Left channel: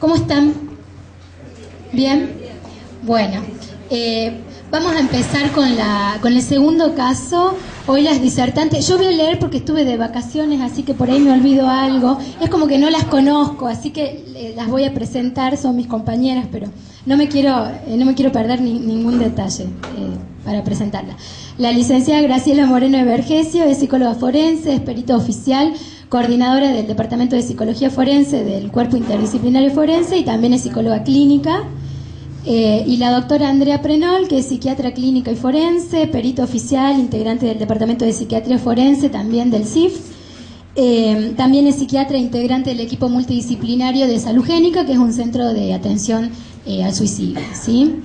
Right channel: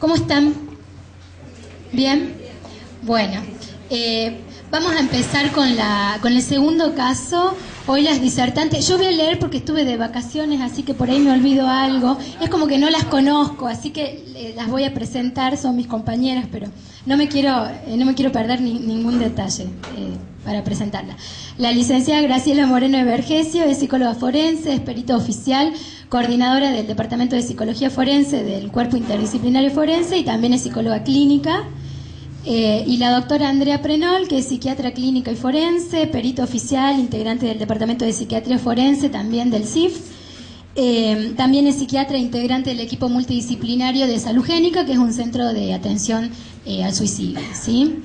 ¿Cómo están? ¿Bien? Bueno, vamos a empezar con el segundo caso. Hoy las disertantes, yo voy a leer porque estuve de vacaciones, así que por ahí me olvido algo. Es como que no las conozco, así que las voy a presentar, son mis compañeras, pero no me quiero perder ningún detalle para presentarla. La licenciada Graciela Moreno de Vergesio es psicóloga forense, es perito oficial, coordinadora del Departamento de Psicología Forense del Cuerpo Interdisciplinario Forense y también es psicóloga clínica. Y la doctora Andrea Prenol, que es psiquiatra clínica y forense, perito oficial, integrante del Departamento de Psiquiatría Forense, también del CIF. También es psiquiatra integrante del equipo multidisciplinario de Salud Génica, que es un centro de atención al suicidio, ¿sí?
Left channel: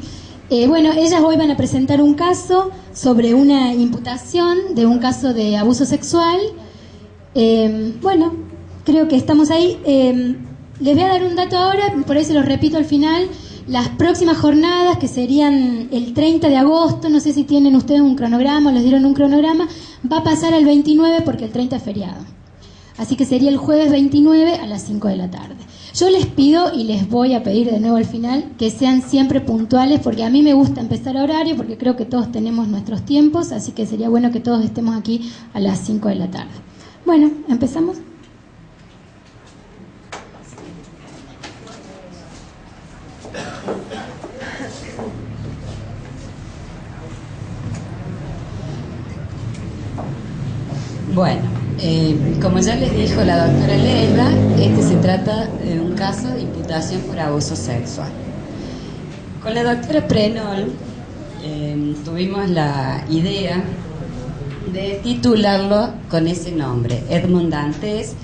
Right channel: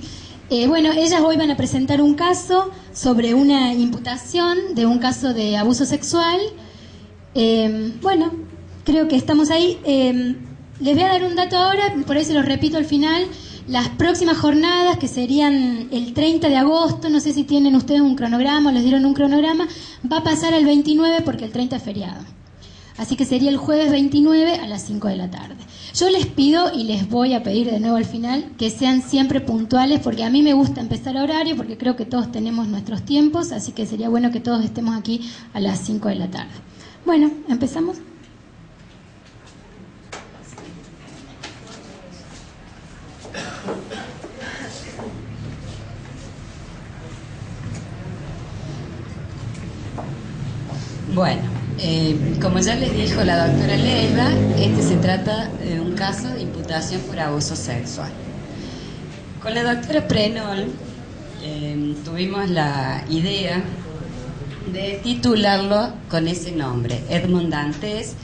Bueno, ellas hoy van a presentar un caso sobre una imputación de un caso de abuso sexual. Bueno, creo que estamos ahí. Les voy a dar un dato ahora, por ahí se los repito al final. Las próximas jornadas, que serían el 30 de agosto, no sé si tienen ustedes un cronograma o les dieron un cronograma, va a pasar al 29 porque el 30 es feriado. Así que sería el jueves 29 a las 5 de la tarde. Yo les pido y les voy a pedir de nuevo al final que sean siempre puntuales, porque a mí me gusta empezar a horario, porque creo que todos tenemos nuestros tiempos, así que sería bueno que todos estemos aquí a las 5 de la tarde. Bueno, ¿empezamos? Bueno, como ya les dijo la doctora Leiva, se trata de un caso de imputación por abuso sexual. Con la doctora Prenol tuvimos la idea de titularlo con ese nombre, Edmond Dantes,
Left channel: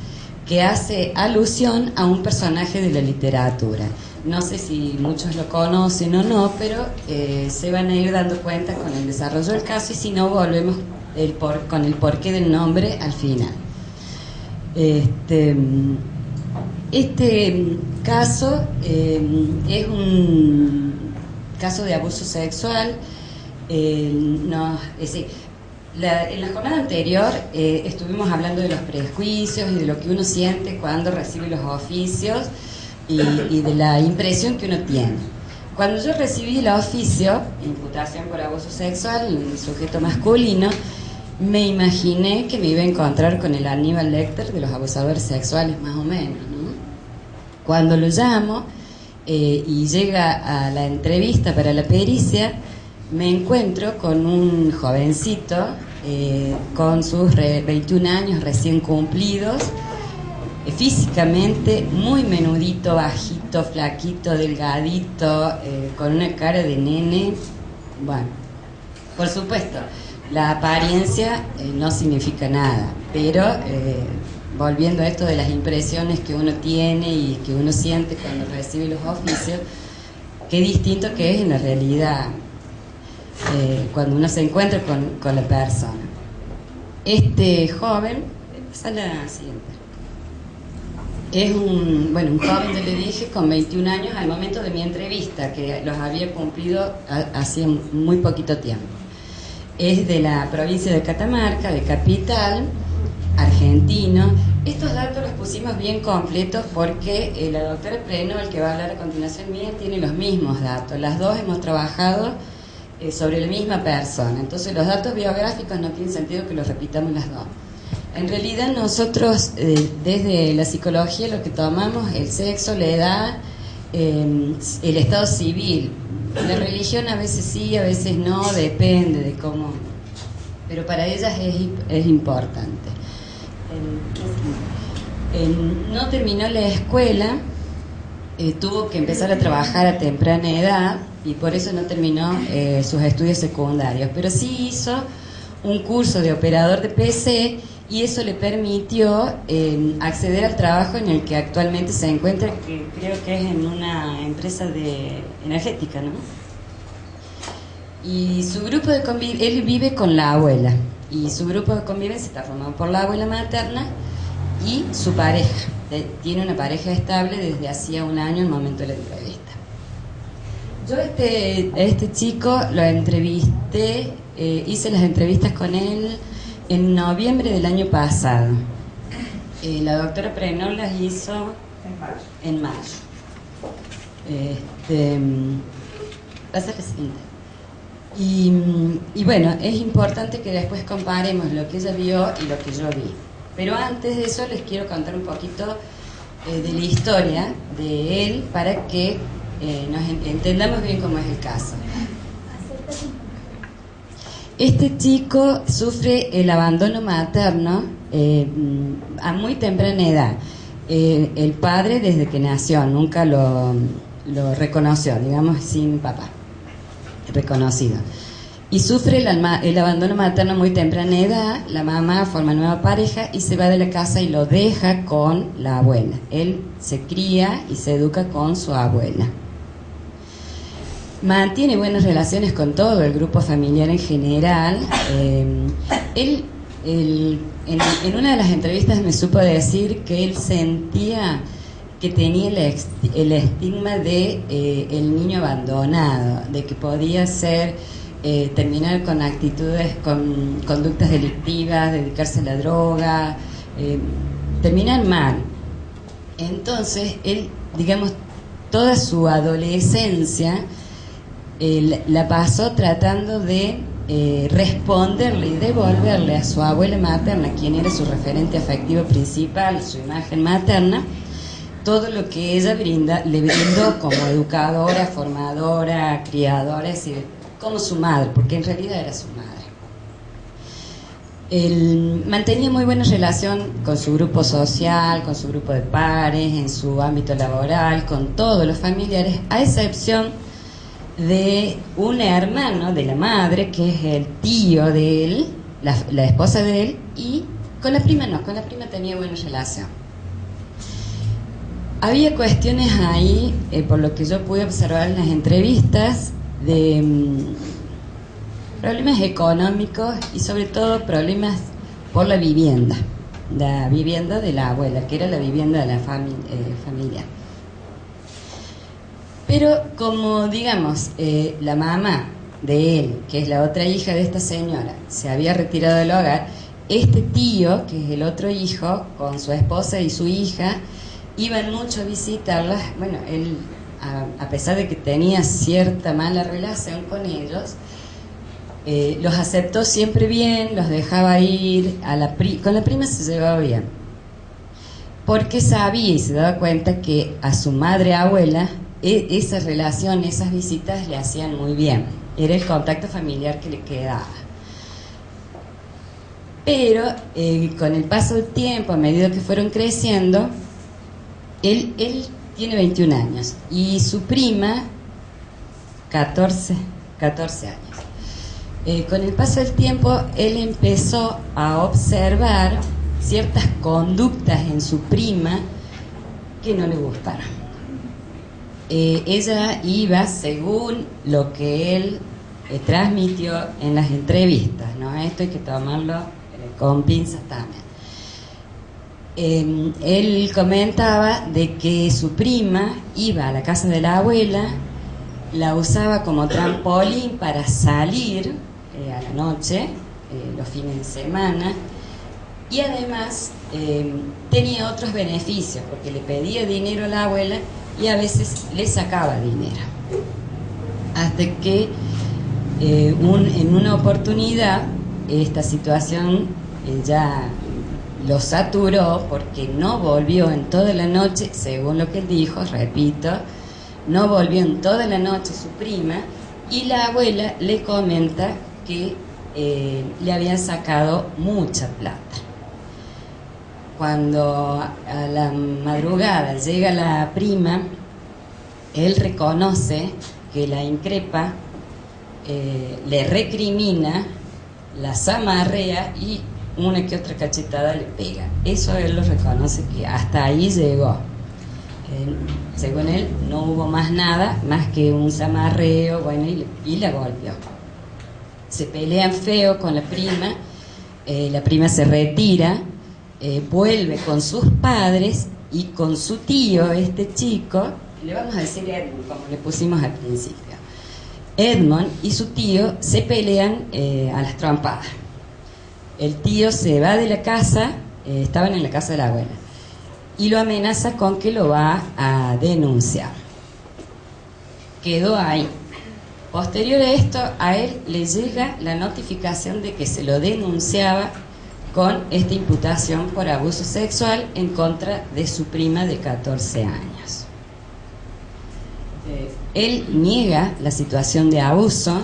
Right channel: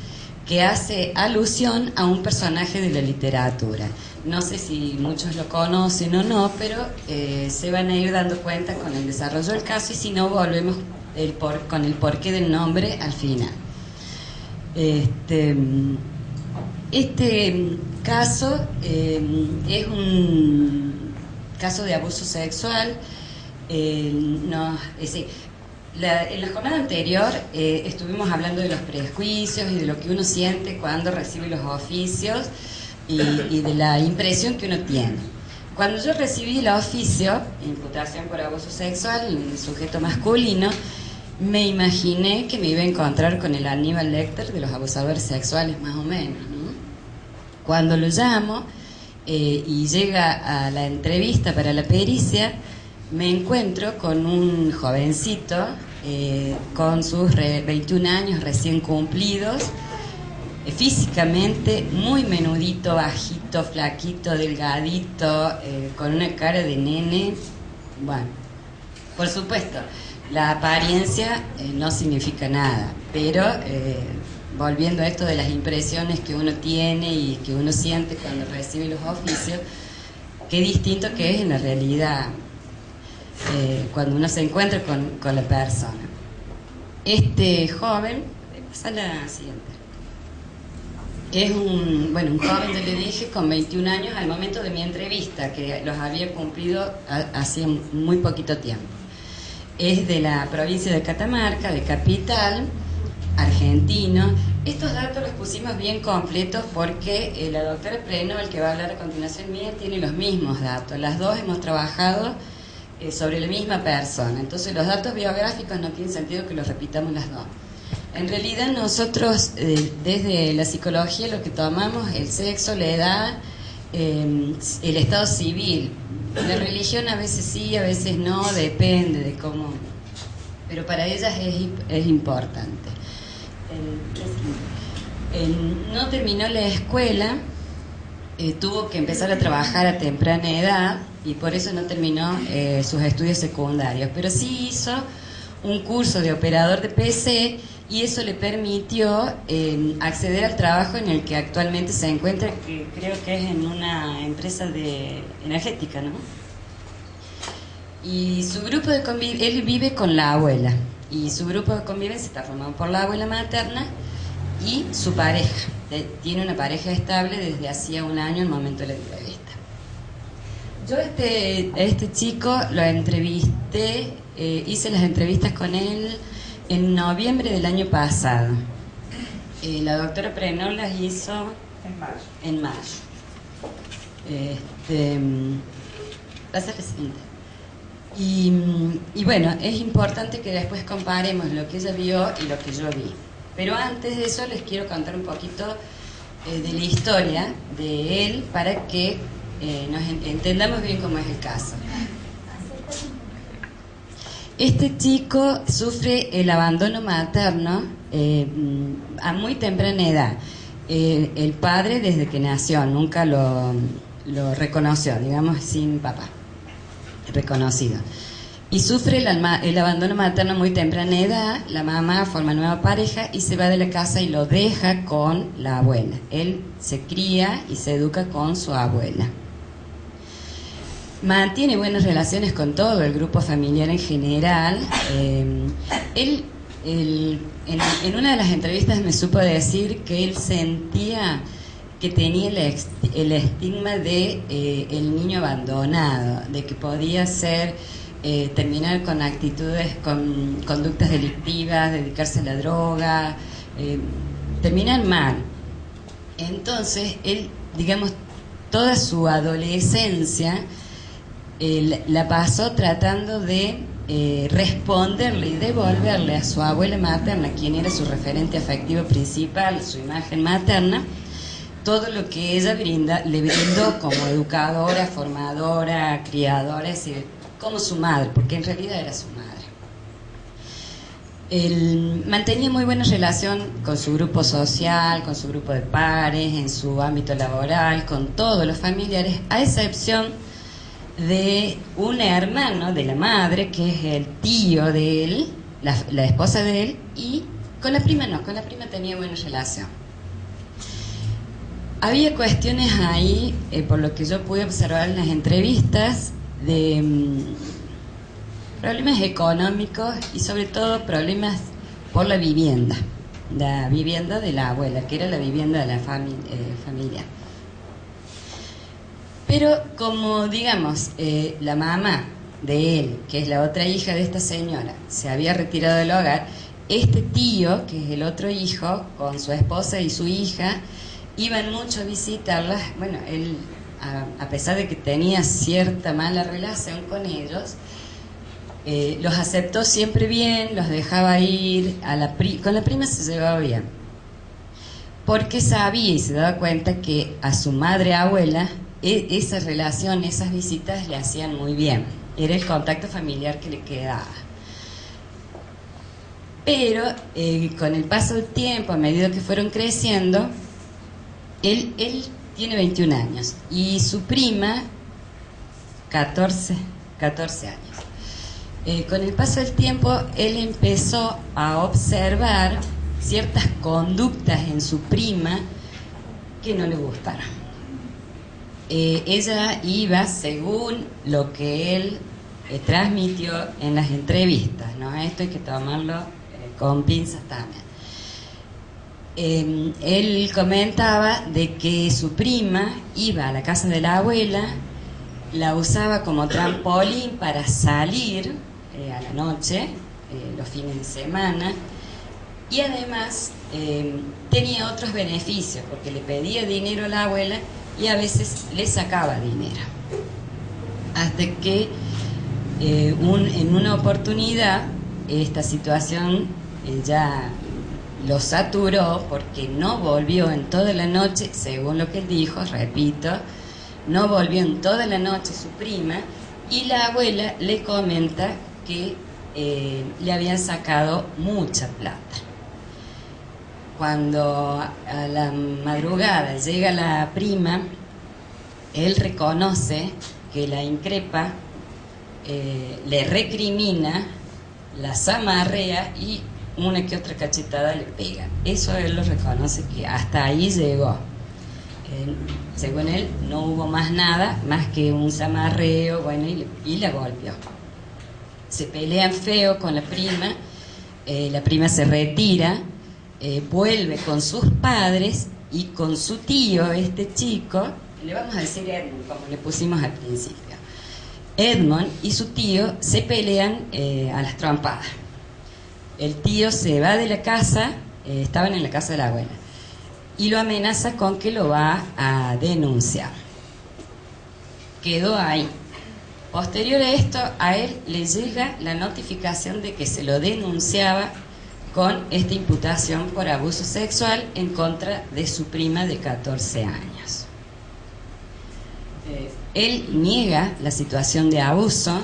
que hace alusión a un personaje de la literatura. No sé si muchos lo conocen o no, pero se van a ir dando cuenta con el desarrollo del caso, y si no, volvemos con el porqué del nombre al final. Este caso es un caso de abuso sexual. En la jornada anterior estuvimos hablando de los prejuicios y de lo que uno siente cuando recibe los oficios y de la impresión que uno tiene. Cuando yo recibí el oficio, imputación por abuso sexual, en sujeto masculino, me imaginé que me iba a encontrar con el Aníbal Lecter de los abusadores sexuales, más o menos, ¿no? Cuando lo llamo y llega a la entrevista para la pericia, me encuentro con un jovencito con sus 21 años recién cumplidos, físicamente muy menudito, bajito, flaquito, delgadito, con una cara de nene. Bueno, por supuesto, la apariencia no significa nada, pero volviendo a esto de las impresiones que uno tiene y que uno siente cuando recibe los oficios, qué distinto que es en la realidad cuando uno se encuentra con la persona. Este joven, pasa a la siguiente. Es un joven, yo le dije, con 21 años al momento de mi entrevista, que los había cumplido hacía muy poquito tiempo. Es de la provincia de Catamarca, de Capital, argentino. Estos datos los pusimos bien completos porque la doctora Prenol, que va a hablar a continuación mía, tiene los mismos datos. Las dos hemos trabajado sobre la misma persona. Entonces los datos biográficos no tienen sentido que los repitamos las dos. En realidad nosotros desde la psicología lo que tomamos el sexo, la edad, el estado civil. La religión a veces sí, a veces no, depende de cómo, pero para ellas es importante. No terminó la escuela, tuvo que empezar a trabajar a temprana edad y por eso no terminó sus estudios secundarios, pero sí hizo un curso de operador de PC y eso le permitió acceder al trabajo en el que actualmente se encuentra, que creo que es en una empresa energética, ¿no? Y su grupo de convivencia, él vive con la abuela, y su grupo de convivencia está formado por la abuela materna y su pareja. Tiene una pareja estable desde hacía un año, el momento de la entrevista. Yo este chico lo entrevisté, hice las entrevistas con él en noviembre del año pasado. La doctora Prenol las hizo en mayo. Pasa la siguiente. Y bueno, es importante que después comparemos lo que ella vio y lo que yo vi. Pero antes de eso les quiero contar un poquito de la historia de él para que nos entendamos bien cómo es el caso. Este chico sufre el abandono materno a muy temprana edad. El padre desde que nació nunca lo reconoció, digamos, sin papá reconocido. Y sufre el abandono materno a muy temprana edad. La mamá forma nueva pareja y se va de la casa y lo deja con la abuela. Él se cría y se educa con su abuela. Mantiene buenas relaciones con todo el grupo familiar en general. Él en una de las entrevistas me supo decir que él sentía que tenía el estigma de el niño abandonado, de que podía ser terminar con actitudes, con conductas delictivas, dedicarse a la droga, terminar mal. Entonces él, digamos, toda su adolescencia la pasó tratando de responderle y devolverle a su abuela materna, quien era su referente afectivo principal, su imagen materna, todo lo que ella le brindó como educadora, formadora, criadora, es decir, como su madre, porque en realidad era su madre. Él mantenía muy buena relación con su grupo social, con su grupo de pares, en su ámbito laboral, con todos los familiares, a excepción de un hermano de la madre, que es el tío de él, la esposa de él, y con la prima no, con la prima tenía buena relación. Había cuestiones ahí, por lo que yo pude observar en las entrevistas, de problemas económicos y sobre todo problemas por la vivienda de la abuela, que era la vivienda de la familia. Pero como, digamos, la mamá de él, que es la otra hija de esta señora, se había retirado del hogar, este tío, que es el otro hijo, con su esposa y su hija, iban mucho a visitarlas. Bueno, él, a pesar de que tenía cierta mala relación con ellos, los aceptó siempre bien, los dejaba ir, con la prima se llevaba bien, porque sabía y se daba cuenta que a su madre abuela esa relación, esas visitas le hacían muy bien, era el contacto familiar que le quedaba. Pero con el paso del tiempo, a medida que fueron creciendo, él tiene 21 años y su prima 14 años. Con el paso del tiempo él empezó a observar ciertas conductas en su prima que no le gustaron. Ella iba según lo que él transmitió en las entrevistas, ¿no? Esto hay que tomarlo con pinzas también. Él comentaba de que su prima iba a la casa de la abuela, la usaba como trampolín para salir a la noche, los fines de semana, y además tenía otros beneficios, porque le pedía dinero a la abuela y a veces le sacaba dinero. Hasta que en una oportunidad esta situación ya lo saturó, porque no volvió en toda la noche, según lo que él dijo, repito, no volvió en toda la noche su prima, y la abuela le comenta que le habían sacado mucha plata. Cuando a la madrugada llega la prima, él reconoce que la increpa, le recrimina, la zamarrea y una que otra cachetada le pega. Eso él lo reconoce, que hasta ahí llegó. Según él, no hubo más nada, más que un zamarreo, bueno, y la golpeó. Se pelean feo con la prima se retira, vuelve con sus padres y con su tío, este chico, le vamos a decir Edmund, como le pusimos al principio. Edmund y su tío se pelean a las trompadas. El tío se va de la casa, estaban en la casa de la abuela, y lo amenaza con que lo va a denunciar. quedó ahí. Posterior a esto, a él le llega la notificación de que se lo denunciaba con esta imputación por abuso sexual en contra de su prima de 14 años. Él niega la situación de abuso.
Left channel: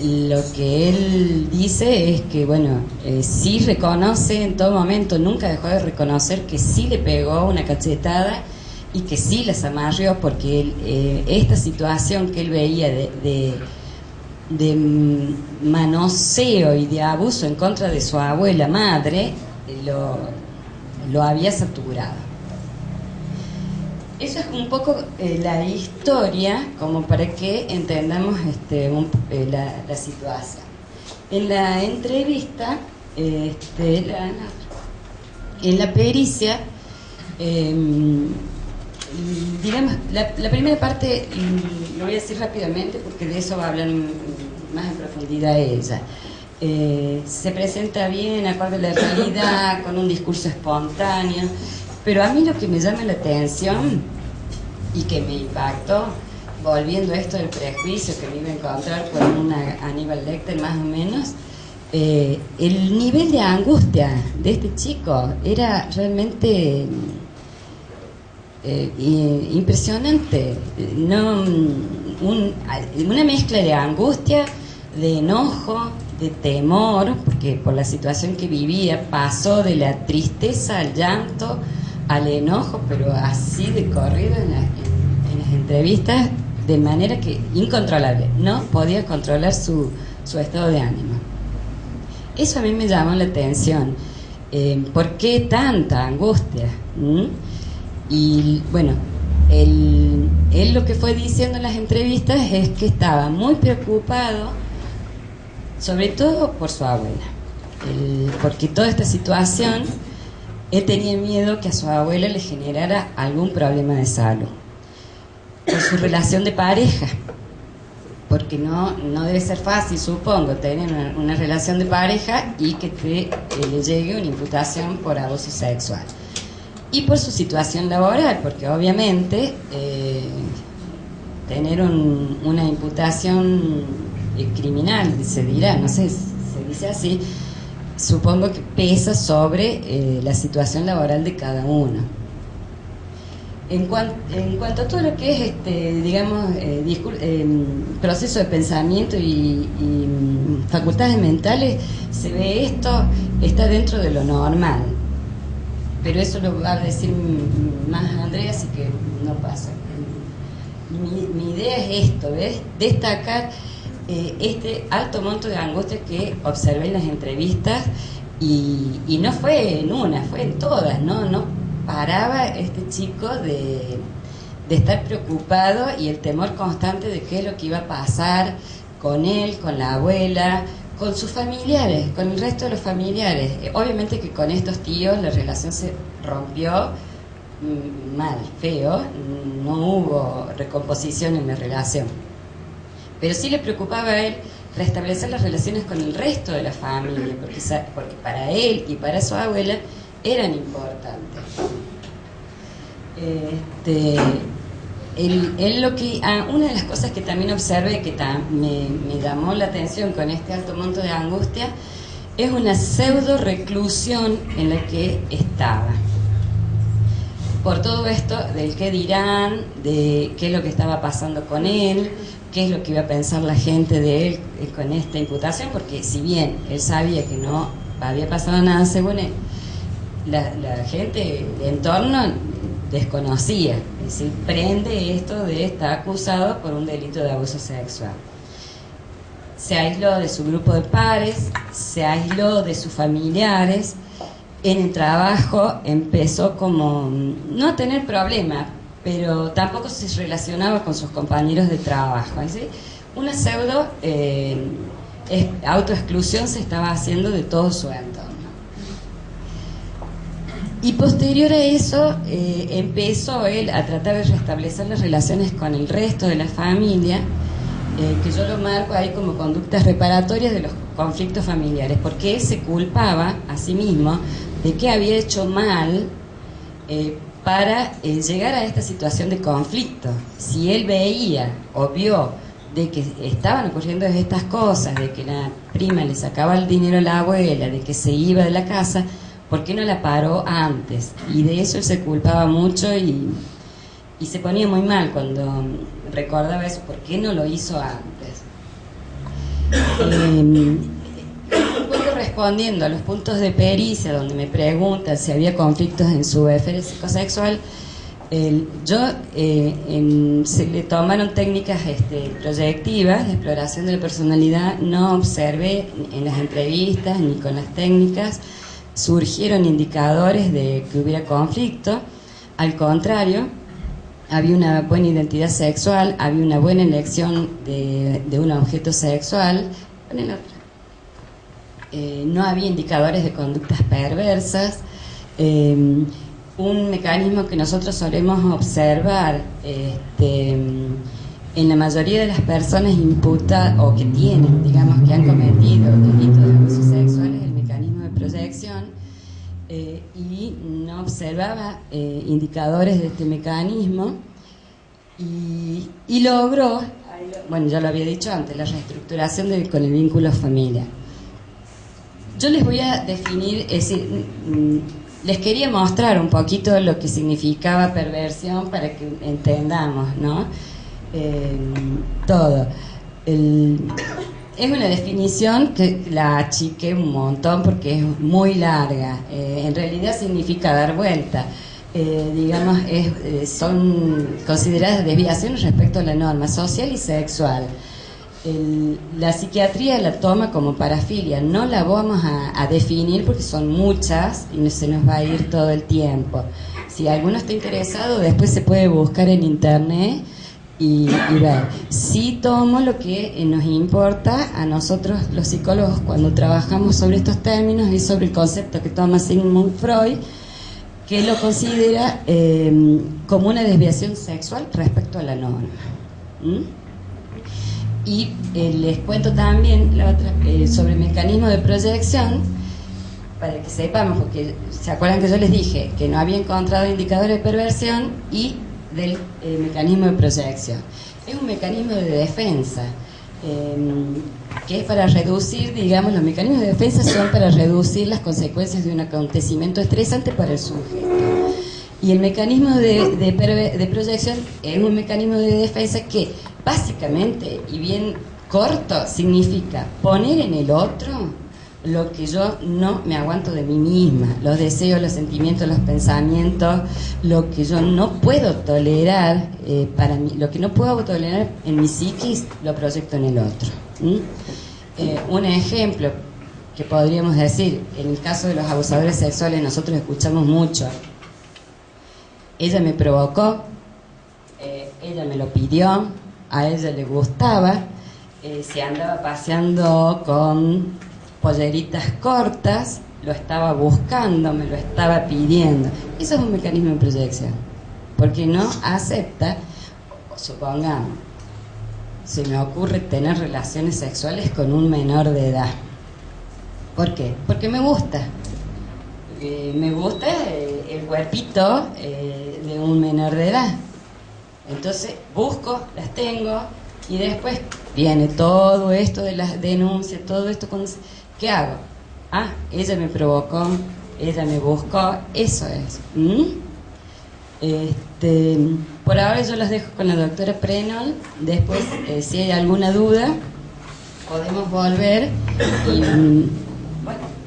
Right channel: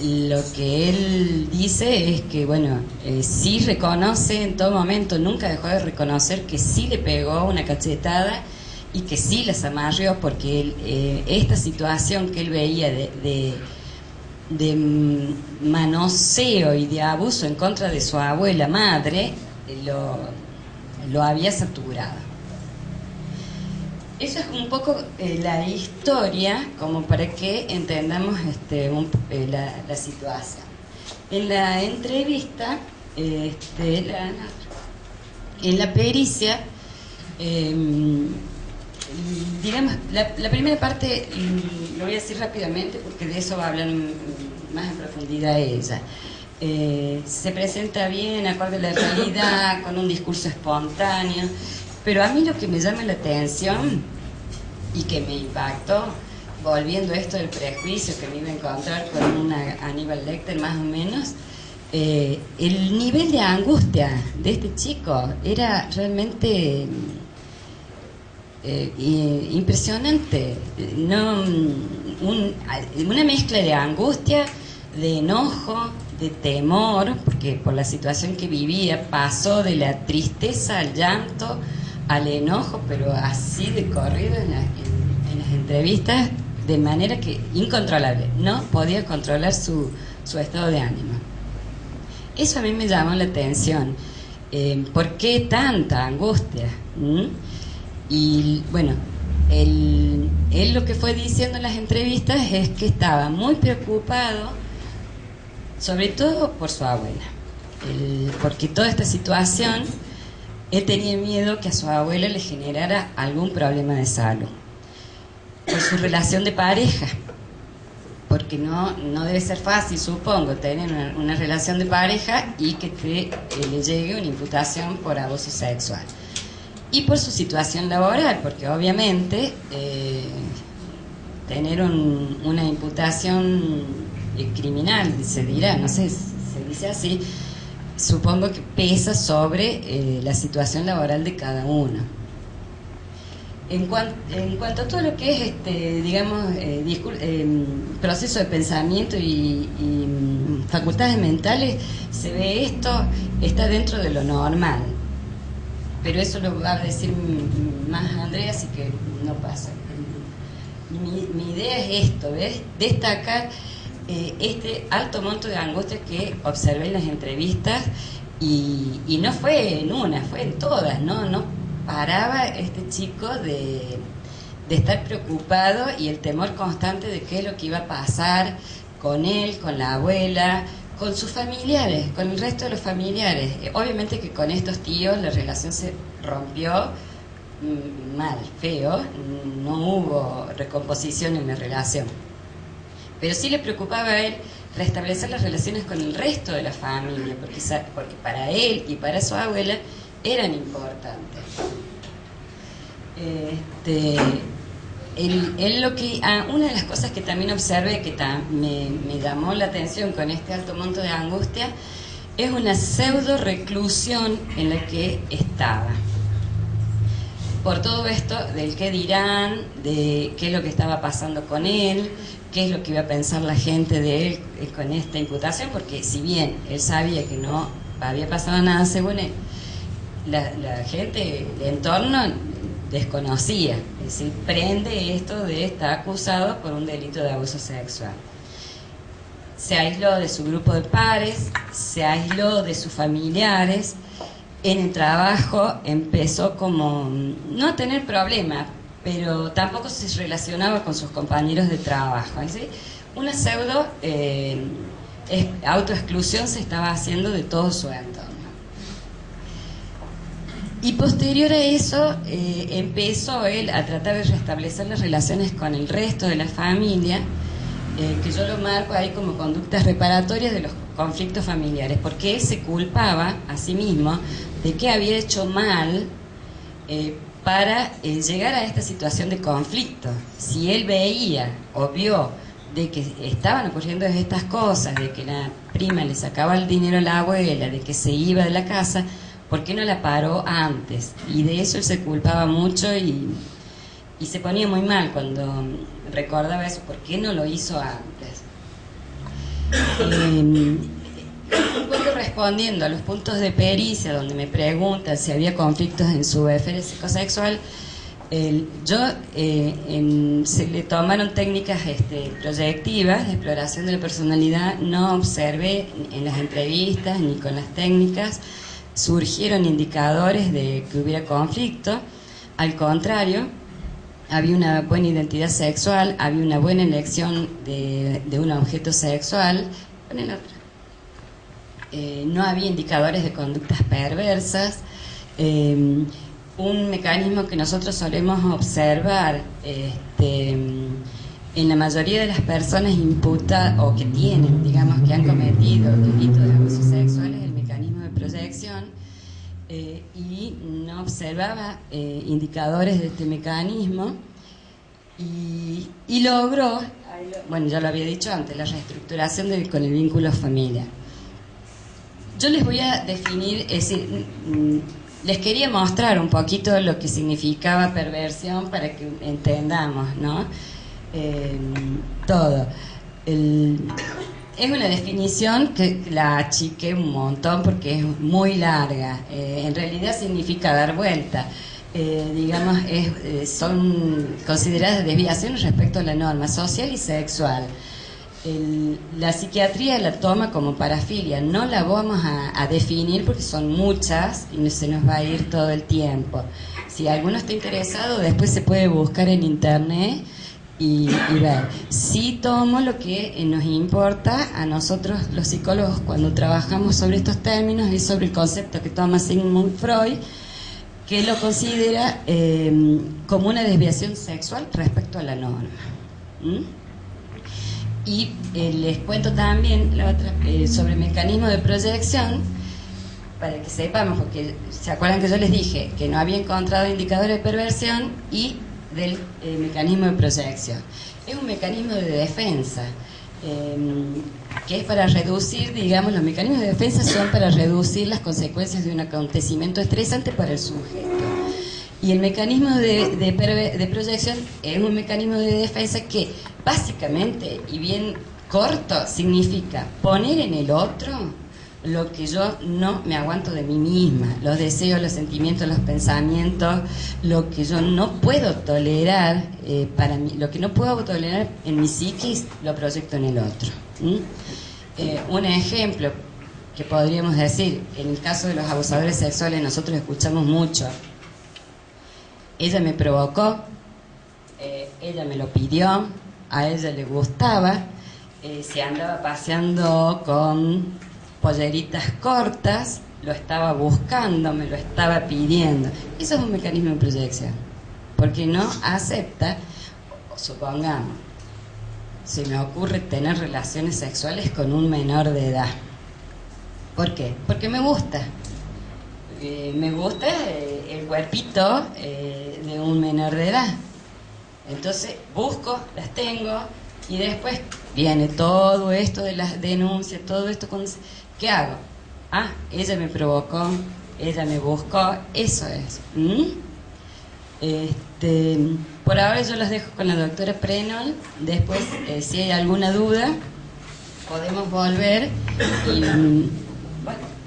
Lo que él dice es que, bueno, sí reconoce en todo momento, nunca dejó de reconocer que sí le pegó una cachetada y que sí la zamarrió, porque él, esta situación que él veía de manoseo y de abuso en contra de su abuela madre, lo había saturado. Eso es un poco la historia, como para que entendamos la situación. En la entrevista, en la pericia, digamos, la primera parte lo voy a decir rápidamente porque de eso va a hablar más en profundidad ella. Se presenta bien, acorde a la realidad, con un discurso espontáneo. Pero a mí lo que me llama la atención y que me impactó, volviendo a esto del prejuicio que me iba a encontrar con una Aníbal Lecter más o menos, el nivel de angustia de este chico era realmente impresionante. Una mezcla de angustia, de enojo, de temor, porque por la situación que vivía pasó de la tristeza al llanto, al enojo, pero así de corrido en las entrevistas, de manera que incontrolable, no podía controlar su estado de ánimo. Eso a mí me llamó la atención. ¿Por qué tanta angustia? Y bueno, él lo que fue diciendo en las entrevistas es que estaba muy preocupado, sobre todo por su abuela, porque toda esta situación, él tenía miedo que a su abuela le generara algún problema de salud por su relación de pareja, porque no debe ser fácil, supongo, tener una relación de pareja y que le llegue una imputación por abuso sexual, y por su situación laboral, porque obviamente tener una imputación criminal, se dirá, no sé, se dice así, supongo que pesa sobre la situación laboral de cada uno. En cuanto a todo lo que es, digamos, proceso de pensamiento y facultades mentales, se ve esto, está dentro de lo normal. Pero eso lo va a decir más Andrea, así que no pasa. Mi idea es esto, ¿ves? Destacar este alto monto de angustia que observé en las entrevistas, y no fue en una, fue en todas, no paraba este chico de estar preocupado, y el temor constante de qué es lo que iba a pasar con él, con la abuela, con sus familiares, con el resto de los familiares. Obviamente que con estos tíos la relación se rompió mal, feo, no hubo recomposición en la relación. Pero sí le preocupaba a él restablecer las relaciones con el resto de la familia, porque para él y para su abuela eran importantes. Una de las cosas que también observé, que me llamó la atención con este alto monto de angustia, es una pseudo reclusión en la que estaba. Por todo esto del qué dirán, de qué es lo que estaba pasando con él, qué es lo que iba a pensar la gente de él con esta imputación, porque si bien él sabía que no había pasado nada según él, la gente del entorno desconocía, es decir, prende esto de estar acusado por un delito de abuso sexual. Se aisló de su grupo de pares, se aisló de sus familiares. En el trabajo empezó como no a tener problemas, pero tampoco se relacionaba con sus compañeros de trabajo. ¿Sí? Una pseudo autoexclusión se estaba haciendo de todo su entorno. Y posterior a eso empezó él a tratar de restablecer las relaciones con el resto de la familia, que yo lo marco ahí como conductas reparatorias de los conflictos familiares, porque él se culpaba a sí mismo de que había hecho mal para llegar a esta situación de conflicto. Si él veía o vio de que estaban ocurriendo estas cosas, de que la prima le sacaba el dinero a la abuela, de que se iba de la casa, ¿por qué no la paró antes? Y de eso él se culpaba mucho y se ponía muy mal cuando recordaba eso, ¿por qué no lo hizo antes? Un poco respondiendo a los puntos de pericia, donde me preguntan si había conflictos en su esfera psicosexual, se le tomaron técnicas proyectivas de exploración de la personalidad. No observé en las entrevistas ni con las técnicas surgieron indicadores de que hubiera conflicto. Al contrario, había una buena identidad sexual, había una buena elección de un objeto sexual. Pon el otro. No había indicadores de conductas perversas. Un mecanismo que nosotros solemos observar en la mayoría de las personas imputadas o que tienen, digamos, que han cometido delitos de abuso sexual es el mecanismo de proyección, y no observaba indicadores de este mecanismo y logró, bueno, ya lo había dicho antes, la reestructuración con el vínculo familiar. Yo les voy a definir, es decir, les quería mostrar un poquito lo que significaba perversión para que entendamos, ¿no? Todo. Es una definición que la achiqué un montón porque es muy larga. En realidad significa dar vuelta. Digamos, son consideradas desviaciones respecto a la norma social y sexual. La psiquiatría la toma como parafilia, no la vamos a definir porque son muchas y se nos va a ir todo el tiempo. Si alguno está interesado, después se puede buscar en internet y ver. Sí tomo lo que nos importa a nosotros los psicólogos cuando trabajamos sobre estos términos y sobre el concepto que toma Sigmund Freud, que lo considera como una desviación sexual respecto a la norma. Y les cuento también la otra, sobre el mecanismo de proyección, para que sepamos, porque se acuerdan que yo les dije que no había encontrado indicadores de perversión y del mecanismo de proyección. Es un mecanismo de defensa, que es para reducir, digamos, los mecanismos de defensa son para reducir las consecuencias de un acontecimiento estresante para el sujeto. Y el mecanismo de proyección es un mecanismo de defensa que básicamente, y bien corto, significa poner en el otro lo que yo no me aguanto de mí misma, los deseos, los sentimientos, los pensamientos, lo que yo no puedo tolerar para mí, lo que no puedo tolerar en mi psiquis, lo proyecto en el otro. Un ejemplo que podríamos decir, en el caso de los abusadores sexuales nosotros escuchamos mucho: ella me provocó, ella me lo pidió, a ella le gustaba, se andaba paseando con polleritas cortas, lo estaba buscando, me lo estaba pidiendo. Eso es un mecanismo de proyección, porque no acepta, supongamos, se me ocurre tener relaciones sexuales con un menor de edad. ¿Por qué? Porque me gusta. Me gusta el cuerpito de un menor de edad. Entonces busco, las tengo y después viene todo esto de las denuncias, todo esto. ¿Qué hago? Ah, ella me provocó, ella me buscó, eso es. Por ahora yo los dejo con la doctora Prenol. Después, si hay alguna duda, podemos volver y bueno.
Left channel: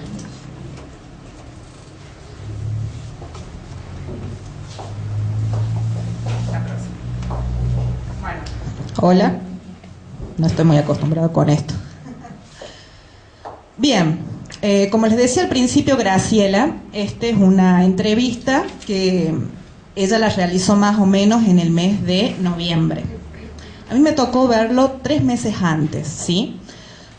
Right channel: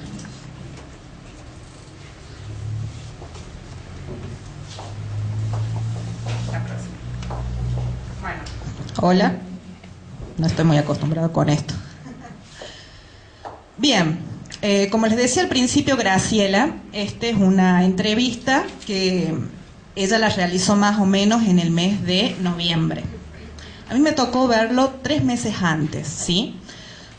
Hola, no estoy muy acostumbrado con esto. Bien, como les decía al principio Graciela, esta es una entrevista que ella la realizó más o menos en el mes de noviembre. A mí me tocó verlo 3 meses antes, ¿sí?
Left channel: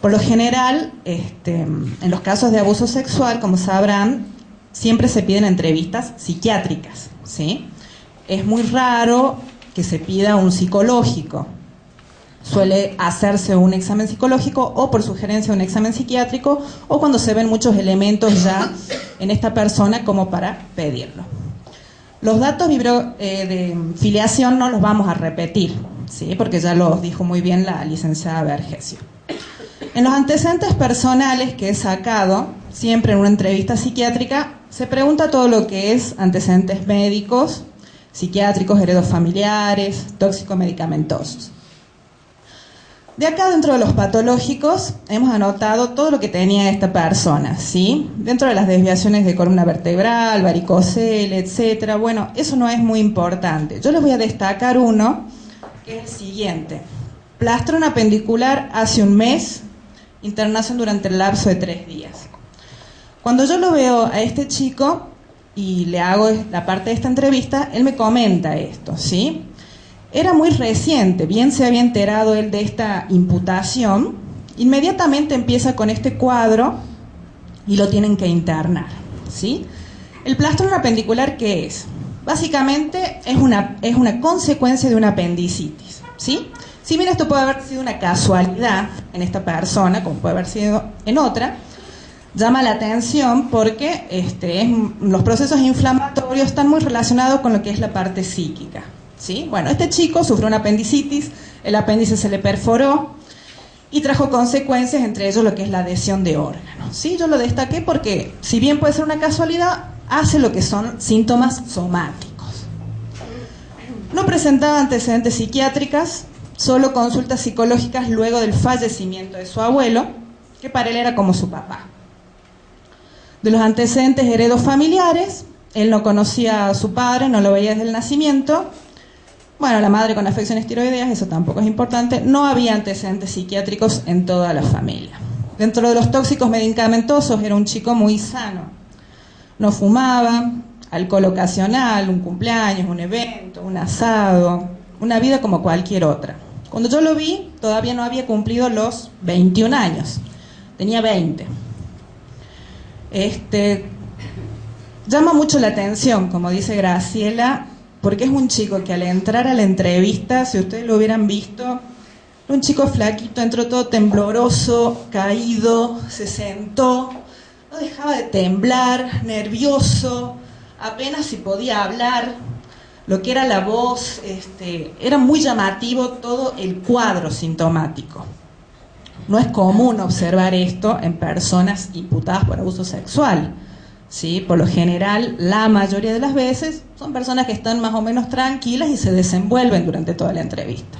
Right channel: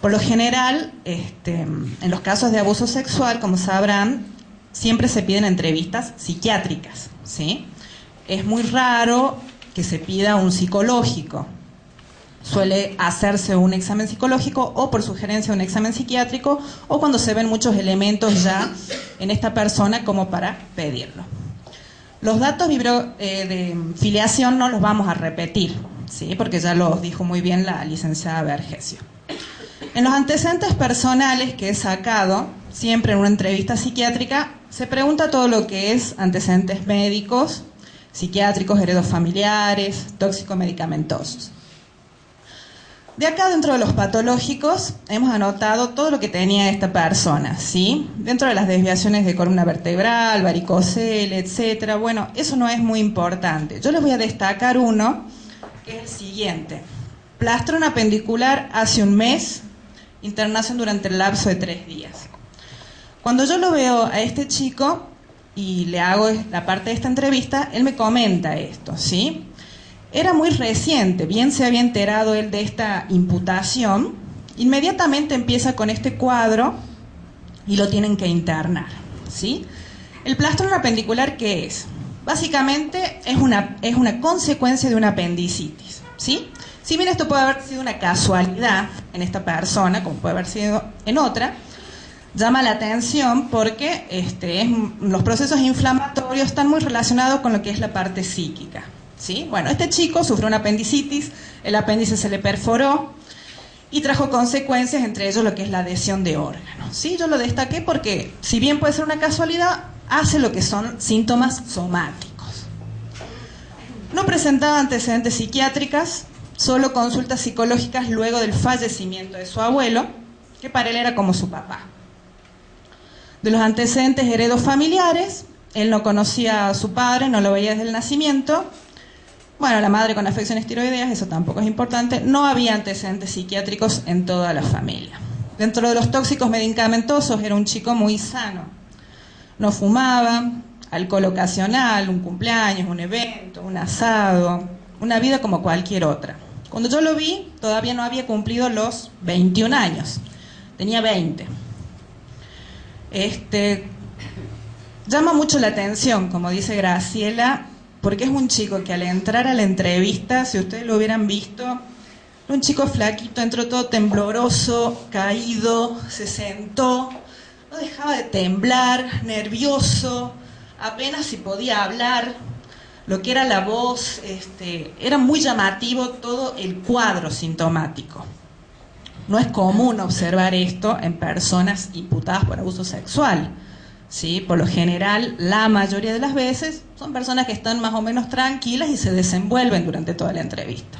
Por lo general, en los casos de abuso sexual, como sabrán, siempre se piden entrevistas psiquiátricas, ¿sí? Es muy raro que se pida un psicológico. Suele hacerse un examen psicológico o por sugerencia un examen psiquiátrico o cuando se ven muchos elementos ya en esta persona como para pedirlo. Los datos de filiación no los vamos a repetir, ¿sí? Porque ya los dijo muy bien la licenciada Vergesio. En los antecedentes personales que he sacado, siempre en una entrevista psiquiátrica, se pregunta todo lo que es antecedentes médicos, psiquiátricos, heredofamiliares, tóxico-medicamentosos. De acá, dentro de los patológicos, hemos anotado todo lo que tenía esta persona, ¿sí? Dentro de las desviaciones de columna vertebral, varicocele, etcétera. Bueno, eso no es muy importante. Yo les voy a destacar uno, que es el siguiente. Plastrón apendicular hace un mes, internación durante el lapso de 3 días. Cuando yo lo veo a este chico y le hago la parte de esta entrevista, él me comenta esto, ¿sí? Era muy reciente, bien se había enterado él de esta imputación, inmediatamente empieza con este cuadro y lo tienen que internar, ¿sí? El plastrón apendicular, ¿qué es? Básicamente es una consecuencia de una apendicitis, ¿sí? Si bien esto puede haber sido una casualidad en esta persona, como puede haber sido en otra, llama la atención porque los procesos inflamatorios están muy relacionados con lo que es la parte psíquica, ¿sí? Bueno, este chico sufrió una apendicitis, el apéndice se le perforó y trajo consecuencias, entre ellos lo que es la adhesión de órganos, ¿sí? Yo lo destaqué porque, si bien puede ser una casualidad, hace lo que son síntomas somáticos. No presentaba antecedentes psiquiátricas, solo consultas psicológicas luego del fallecimiento de su abuelo, que para él era como su papá. De los antecedentes heredofamiliares, él no conocía a su padre, no lo veía desde el nacimiento. Bueno, la madre con afecciones tiroideas, eso tampoco es importante. No había antecedentes psiquiátricos en toda la familia. Dentro de los tóxicos medicamentosos, era un chico muy sano. No fumaba, alcohol ocasional, un cumpleaños, un evento, un asado, una vida como cualquier otra. Cuando yo lo vi, todavía no había cumplido los 21 años. Tenía 20. Llama mucho la atención, como dice Graciela, porque es un chico que al entrar a la entrevista, si ustedes lo hubieran visto, era un chico flaquito, entró todo tembloroso, caído, se sentó, no dejaba de temblar, nervioso, apenas si podía hablar, lo que era la voz, era muy llamativo todo el cuadro sintomático. No es común observar esto en personas imputadas por abuso sexual, ¿sí? Por lo general, la mayoría de las veces son personas que están más o menos tranquilas y se desenvuelven durante toda la entrevista.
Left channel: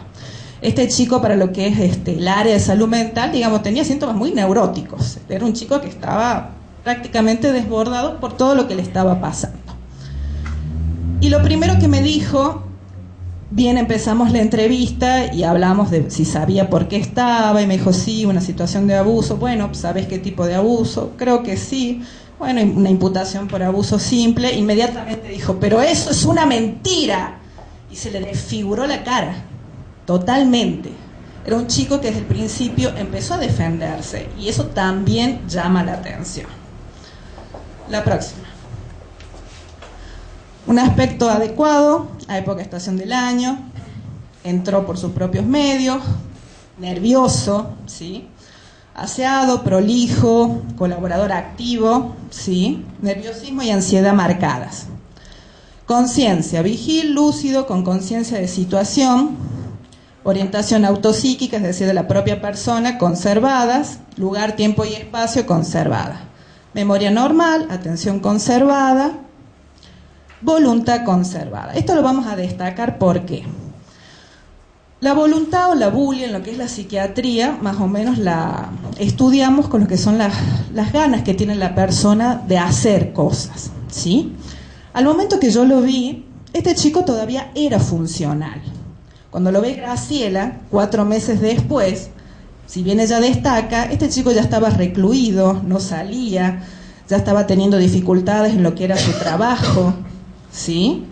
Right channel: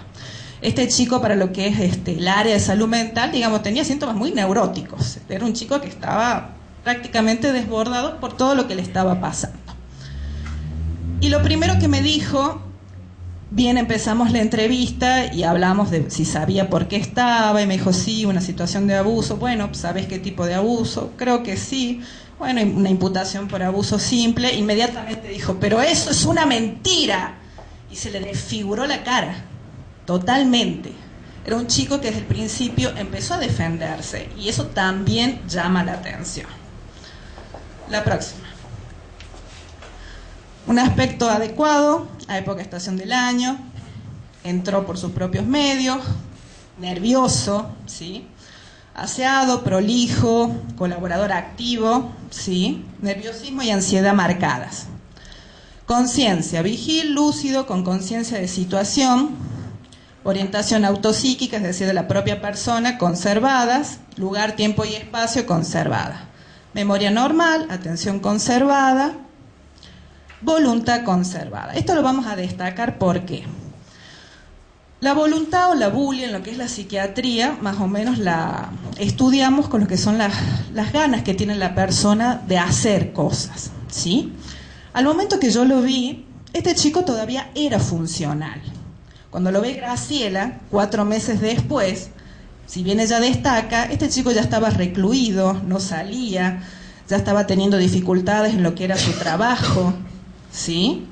Este chico, para lo que es el área de salud mental, digamos, tenía síntomas muy neuróticos. Era un chico que estaba prácticamente desbordado por todo lo que le estaba pasando. Y lo primero que me dijo, bien, empezamos la entrevista y hablamos de si sabía por qué estaba, y me dijo, sí, una situación de abuso. Bueno, ¿sabes qué tipo de abuso? Creo que sí. Bueno, una imputación por abuso simple. Inmediatamente dijo, pero eso es una mentira. Y se le desfiguró la cara, totalmente. Era un chico que desde el principio empezó a defenderse, y eso también llama la atención. La próxima. Un aspecto adecuado a época estación del año, entró por sus propios medios, nervioso, ¿sí? Aseado, prolijo, colaborador activo, ¿sí? Nerviosismo y ansiedad marcadas. Conciencia, vigil, lúcido, con conciencia de situación, orientación autopsíquica, es decir, de la propia persona, conservadas, lugar, tiempo y espacio, conservada. Memoria normal, atención conservada, voluntad conservada. Esto lo vamos a destacar porque la voluntad o la bulia, en lo que es la psiquiatría, más o menos la estudiamos con lo que son las ganas que tiene la persona de hacer cosas, ¿sí? Al momento que yo lo vi, este chico todavía era funcional. Cuando lo ve Graciela, 4 meses después, si bien ella destaca, este chico ya estaba recluido, no salía, ya estaba teniendo dificultades en lo que era su trabajo, ¿sí?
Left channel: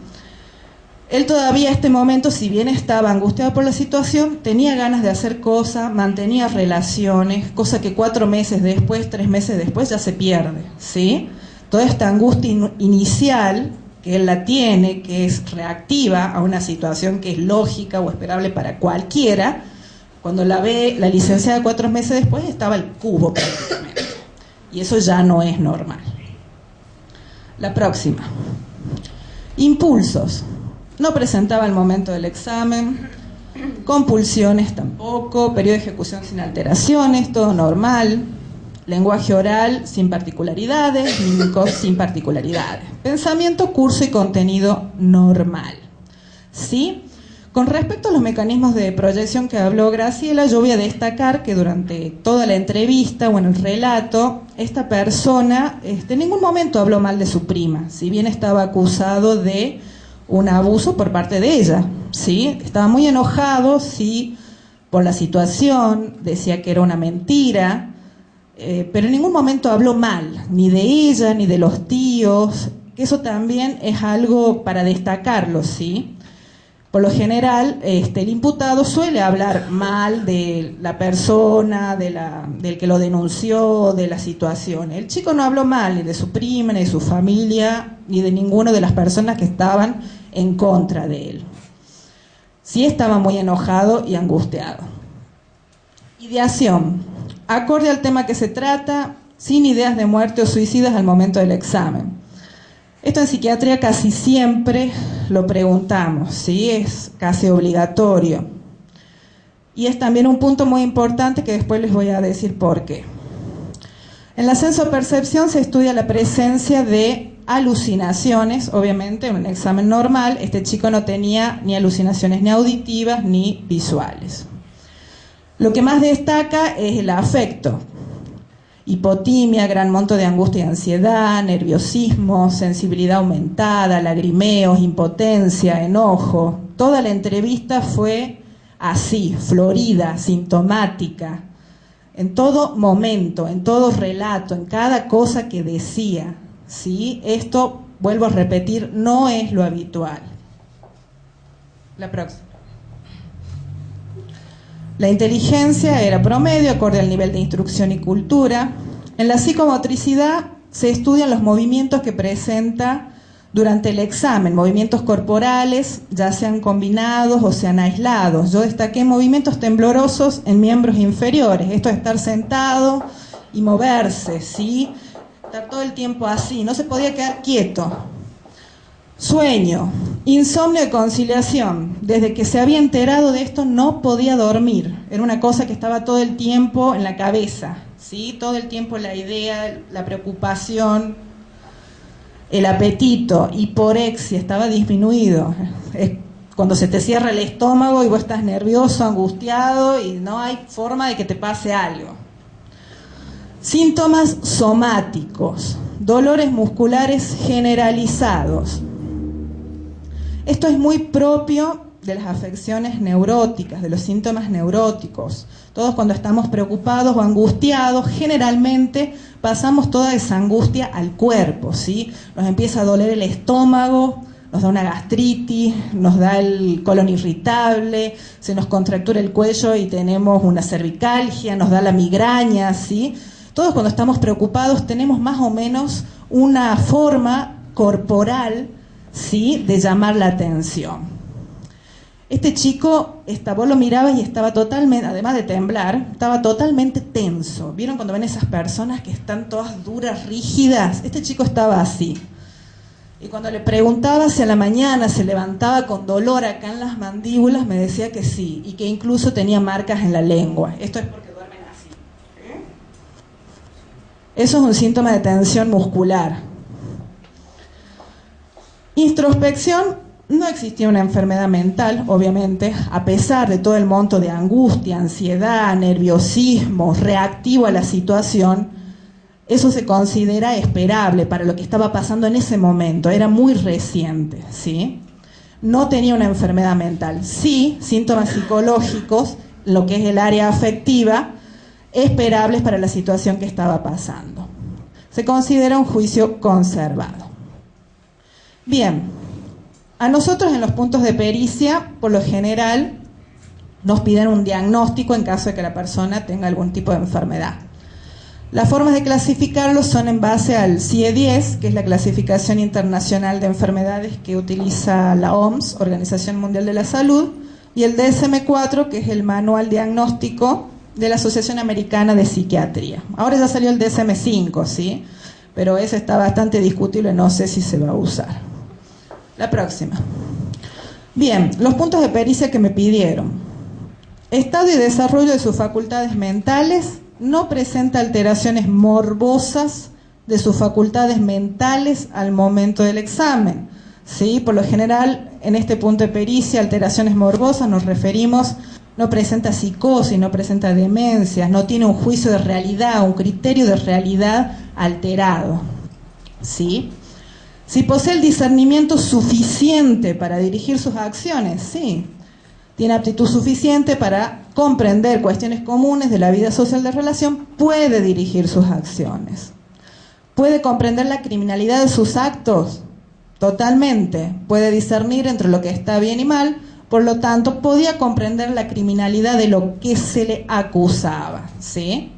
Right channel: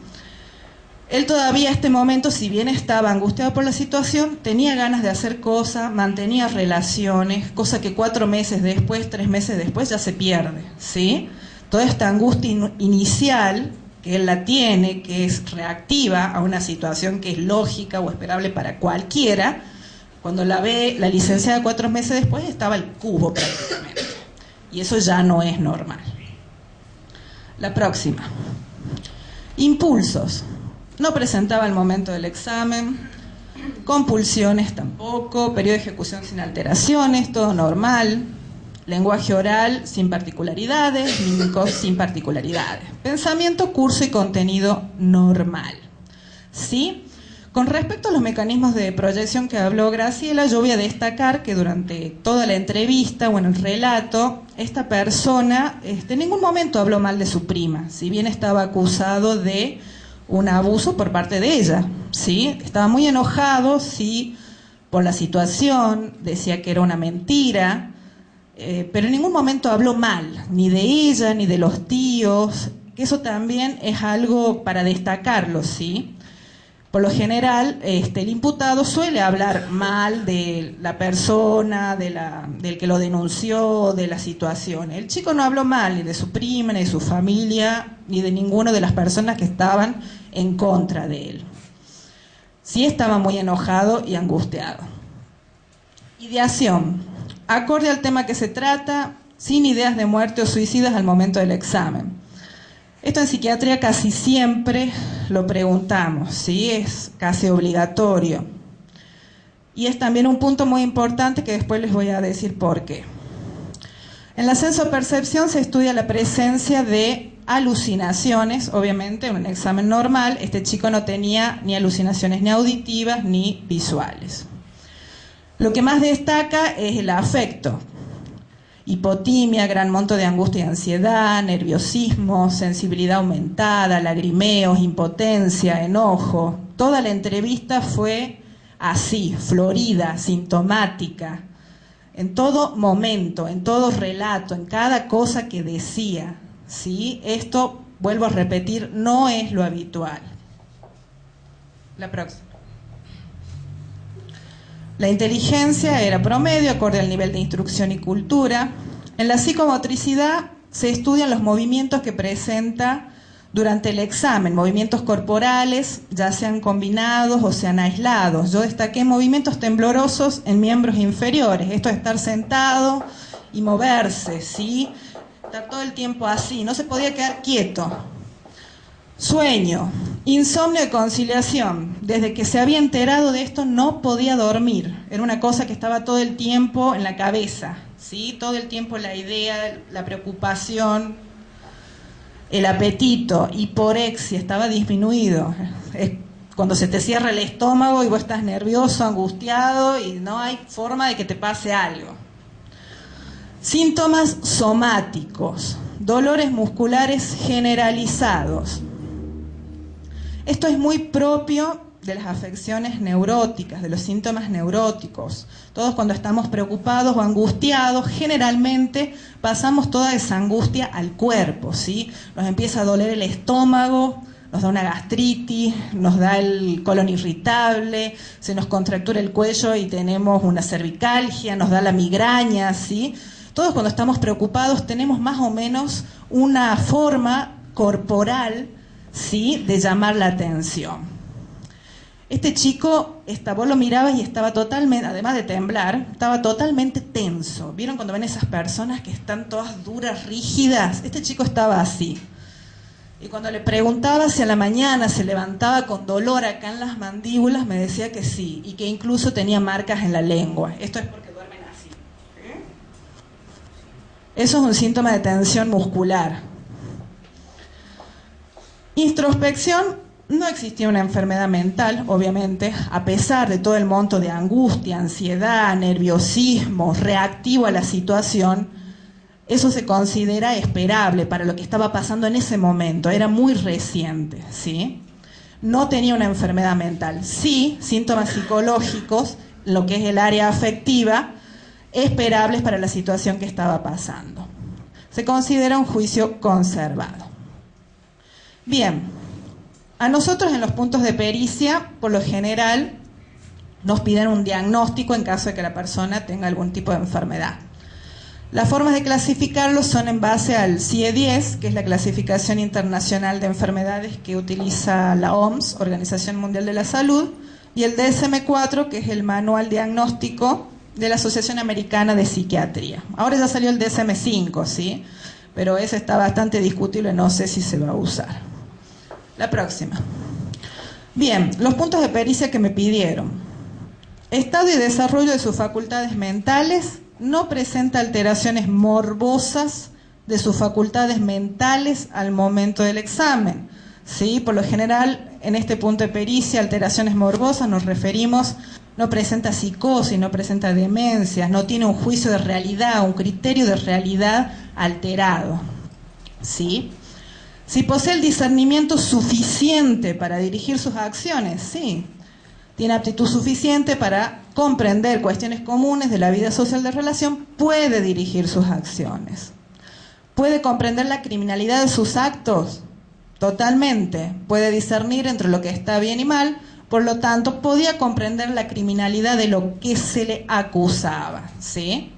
Él todavía a este momento, si bien estaba angustiado por la situación, tenía ganas de hacer cosas, mantenía relaciones, cosa que 4 meses después, 3 meses después ya se pierde, ¿sí? Toda esta angustia inicial que él la tiene, que es reactiva a una situación que es lógica o esperable para cualquiera, cuando la ve la licenciada 4 meses después estaba el cubo prácticamente, y eso ya no es normal. La próxima. Impulsos. No presentaba al momento del examen. Compulsiones tampoco. Periodo de ejecución sin alteraciones, todo normal. Lenguaje oral sin particularidades, mímicos sin particularidades. Pensamiento, curso y contenido normal. ¿Sí? Con respecto a los mecanismos de proyección que habló Graciela, yo voy a destacar que durante toda la entrevista o en el relato, esta persona en ningún momento habló mal de su prima, si bien estaba acusado de un abuso por parte de ella, ¿sí? Estaba muy enojado, sí, por la situación, decía que era una mentira, pero en ningún momento habló mal, ni de ella, ni de los tíos, que eso también es algo para destacarlo, ¿sí? Por lo general, el imputado suele hablar mal de la persona, del que lo denunció, de la situación. El chico no habló mal ni de su prima, ni de su familia, ni de ninguna de las personas que estaban en contra de él. Sí estaba muy enojado y angustiado. Ideación. Acorde al tema que se trata, sin ideas de muerte o suicidas al momento del examen. Esto en psiquiatría casi siempre lo preguntamos, ¿sí? Es casi obligatorio. Y es también un punto muy importante que después les voy a decir por qué. En la sensopercepción se estudia la presencia de alucinaciones, obviamente en un examen normal este chico no tenía ni alucinaciones ni auditivas ni visuales. Lo que más destaca es el afecto. Hipotimia, gran monto de angustia y ansiedad, nerviosismo, sensibilidad aumentada, lagrimeos, impotencia, enojo. Toda la entrevista fue así, florida, sintomática, en todo momento, en todo relato, en cada cosa que decía, ¿sí? Esto, vuelvo a repetir, no es lo habitual. La próxima. La inteligencia era promedio, acorde al nivel de instrucción y cultura. En la psicomotricidad se estudian los movimientos que presenta durante el examen, movimientos corporales, ya sean combinados o sean aislados. Yo destaqué movimientos temblorosos en miembros inferiores, esto es estar sentado y moverse, ¿sí? Estar todo el tiempo así, no se podía quedar quieto. Sueño, insomnio y conciliación. Desde que se había enterado de esto no podía dormir. Era una cosa que estaba todo el tiempo en la cabeza, ¿sí? Todo el tiempo la idea, la preocupación, el apetito, hiporexia, estaba disminuido. Es cuando se te cierra el estómago y vos estás nervioso, angustiado y no hay forma de que te pase algo. Síntomas somáticos, dolores musculares generalizados. Esto es muy propio de las afecciones neuróticas, de los síntomas neuróticos. Todos cuando estamos preocupados o angustiados, generalmente pasamos toda esa angustia al cuerpo, ¿sí? Nos empieza a doler el estómago, nos da una gastritis, nos da el colon irritable, se nos contractura el cuello y tenemos una cervicalgia, nos da la migraña, ¿sí? Todos cuando estamos preocupados tenemos más o menos una forma corporal, ¿sí?, de llamar la atención. Este chico, vos lo mirabas y estaba totalmente, además de temblar, estaba totalmente tenso. ¿Vieron cuando ven esas personas que están todas duras, rígidas? Este chico estaba así. Y cuando le preguntaba si a la mañana se levantaba con dolor acá en las mandíbulas, me decía que sí, y que incluso tenía marcas en la lengua. Esto es porque duermen así. Eso es un síntoma de tensión muscular. Introspección, no existía una enfermedad mental, obviamente, a pesar de todo el monto de angustia, ansiedad, nerviosismo, reactivo a la situación, eso se considera esperable para lo que estaba pasando en ese momento, era muy reciente, ¿sí? No tenía una enfermedad mental, sí, síntomas psicológicos, lo que es el área afectiva, esperables para la situación que estaba pasando. Se considera un juicio conservado. Bien, a nosotros en los puntos de pericia, por lo general, nos piden un diagnóstico en caso de que la persona tenga algún tipo de enfermedad. Las formas de clasificarlos son en base al CIE-10, que es la clasificación internacional de enfermedades que utiliza la OMS, Organización Mundial de la Salud, y el DSM-4, que es el manual diagnóstico de la Asociación Americana de Psiquiatría. Ahora ya salió el DSM-5, ¿sí? Pero ese está bastante discutible, no sé si se va a usar. La próxima. Bien, los puntos de pericia que me pidieron. Estado y desarrollo de sus facultades mentales, no presenta alteraciones morbosas de sus facultades mentales al momento del examen. ¿Sí? Por lo general, en este punto de pericia, alteraciones morbosas, nos referimos, no presenta psicosis, no presenta demencias, no tiene un juicio de realidad, un criterio de realidad alterado. ¿Sí? Si posee el discernimiento suficiente para dirigir sus acciones, sí. Tiene aptitud suficiente para comprender cuestiones comunes de la vida social de relación, puede dirigir sus acciones. Puede comprender la criminalidad de sus actos, totalmente. Puede discernir entre lo que está bien y mal, por lo tanto, podía comprender la criminalidad de lo que se le acusaba, ¿sí?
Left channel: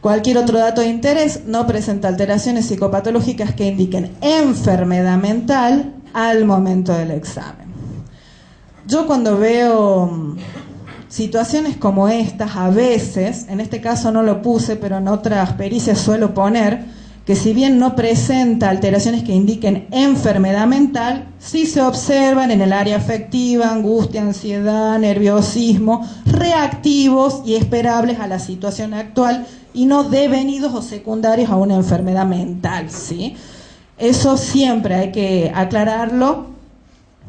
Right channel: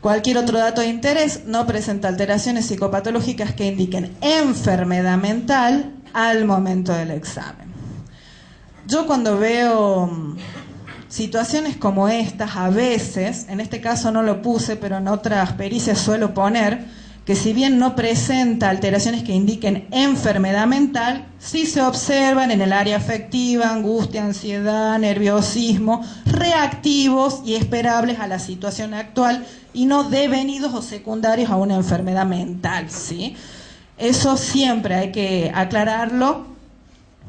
Cualquier otro dato de interés, no presenta alteraciones psicopatológicas que indiquen enfermedad mental al momento del examen. Yo cuando veo situaciones como estas, a veces, en este caso no lo puse, pero en otras pericias suelo poner, que si bien no presenta alteraciones que indiquen enfermedad mental, sí se observan en el área afectiva, angustia, ansiedad, nerviosismo, reactivos y esperables a la situación actual y no devenidos o secundarios a una enfermedad mental, ¿sí? Eso siempre hay que aclararlo.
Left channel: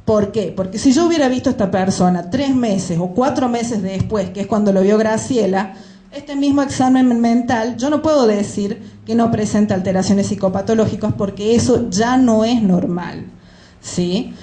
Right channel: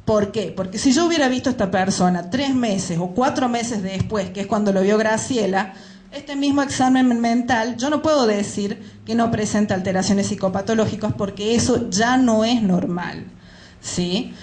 ¿Por qué? Porque si yo hubiera visto a esta persona 3 meses o 4 meses después, que es cuando lo vio Graciela, este mismo examen mental, yo no puedo decir que no presenta alteraciones psicopatológicas porque eso ya no es normal, ¿sí?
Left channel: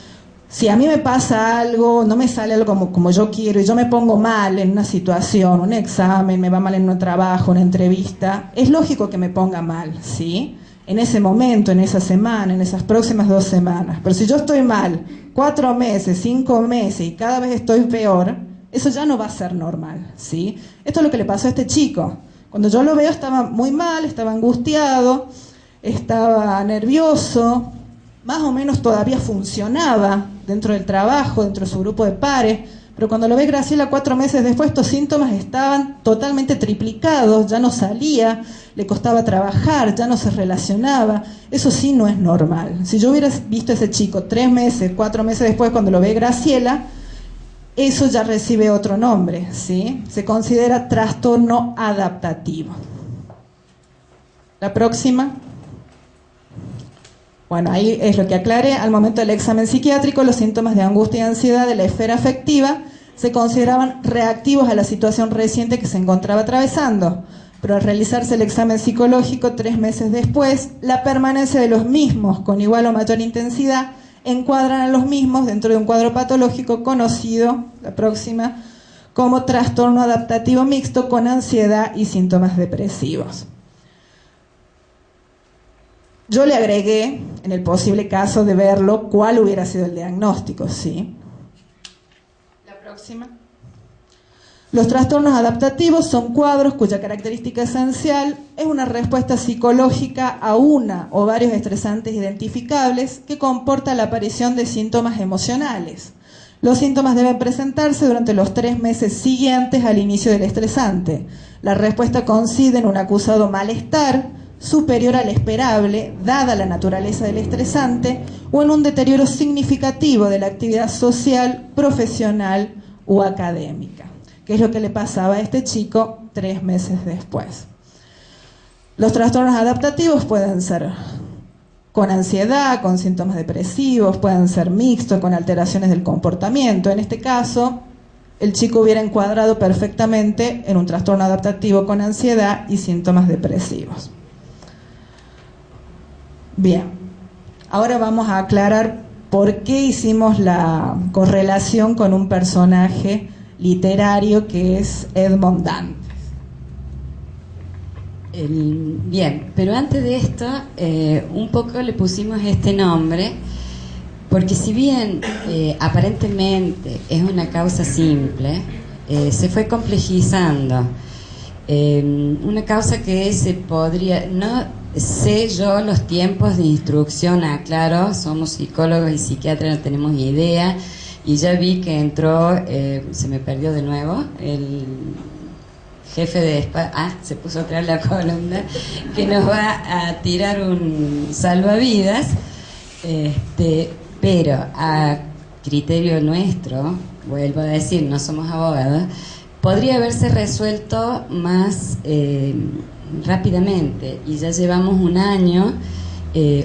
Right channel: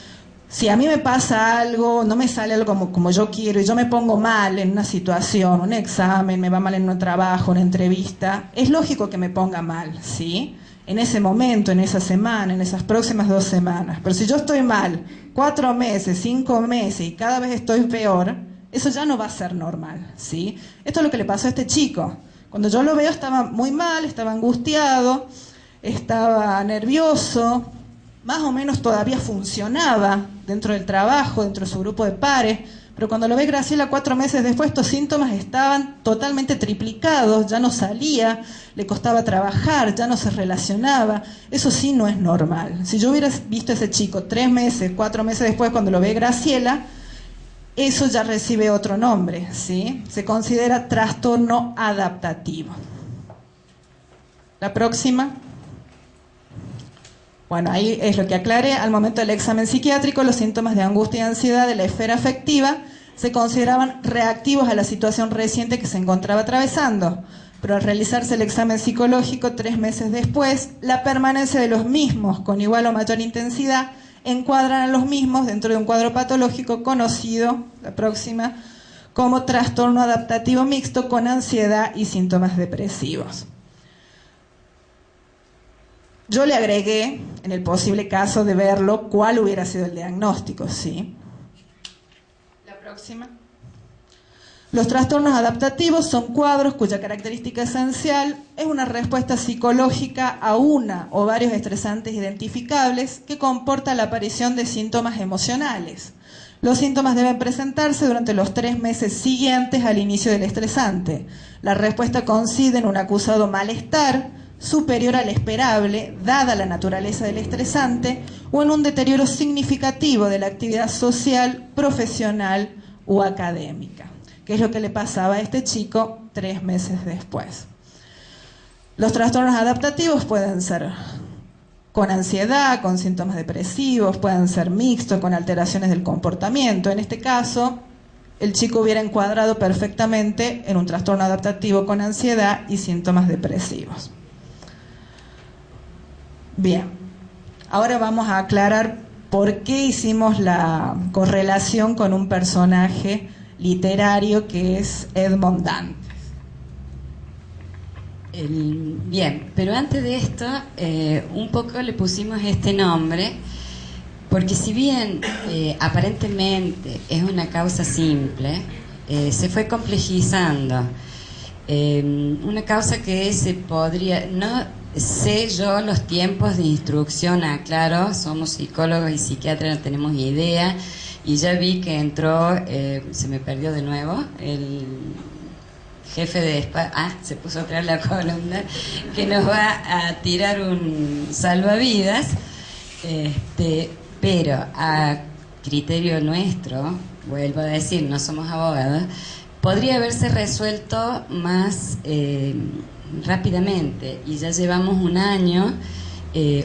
Si a mí me pasa algo, no me sale algo como yo quiero y yo me pongo mal en una situación, un examen, me va mal en un trabajo, una entrevista, es lógico que me ponga mal, ¿sí? En ese momento, en esa semana, en esas próximas 2 semanas. Pero si yo estoy mal 4 meses, 5 meses y cada vez estoy peor, eso ya no va a ser normal, ¿sí? Esto es lo que le pasó a este chico. Cuando yo lo veo estaba muy mal, estaba angustiado, estaba nervioso, más o menos todavía funcionaba dentro del trabajo, dentro de su grupo de pares, pero cuando lo ve Graciela 4 meses después, estos síntomas estaban totalmente triplicados, ya no salía, le costaba trabajar, ya no se relacionaba. Eso sí no es normal. Si yo hubiera visto a ese chico 3 meses, 4 meses después, cuando lo ve Graciela, eso ya recibe otro nombre, ¿sí? Se considera trastorno adaptativo. La próxima. Bueno, ahí es lo que aclaré. Al momento del examen psiquiátrico, los síntomas de angustia y ansiedad de la esfera afectiva se consideraban reactivos a la situación reciente que se encontraba atravesando. Pero al realizarse el examen psicológico 3 meses después, la permanencia de los mismos con igual o mayor intensidad encuadran a los mismos dentro de un cuadro patológico conocido, la próxima, como trastorno adaptativo mixto con ansiedad y síntomas depresivos. Yo le agregué, en el posible caso de verlo, cuál hubiera sido el diagnóstico, ¿sí? La próxima. Los trastornos adaptativos son cuadros cuya característica esencial es una respuesta psicológica a una o varios estresantes identificables que comporta la aparición de síntomas emocionales. Los síntomas deben presentarse durante los 3 meses siguientes al inicio del estresante. La respuesta consiste en un acusado malestar superior al esperable, dada la naturaleza del estresante, o en un deterioro significativo de la actividad social, profesional o académica, que es lo que le pasaba a este chico 3 meses después. Los trastornos adaptativos pueden ser con ansiedad, con síntomas depresivos, pueden ser mixtos, con alteraciones del comportamiento. En este caso, el chico hubiera encuadrado perfectamente en un trastorno adaptativo con ansiedad y síntomas depresivos. Bien, ahora vamos a aclarar por qué hicimos la correlación con un personaje literario que es Edmond Dantes. Bien, pero antes de esto, un poco le pusimos este nombre, porque si bien aparentemente es una causa simple, se fue complejizando. Una causa que se podría... no sé yo los tiempos de instrucción, aclaro, somos psicólogos y psiquiatras, no tenemos idea, y ya vi que entró, se me perdió de nuevo, el jefe de se puso a traer la columna, que nos va a tirar un salvavidas, pero a criterio nuestro, vuelvo a decir, no somos abogados, podría haberse resuelto más rápidamente, y ya llevamos un año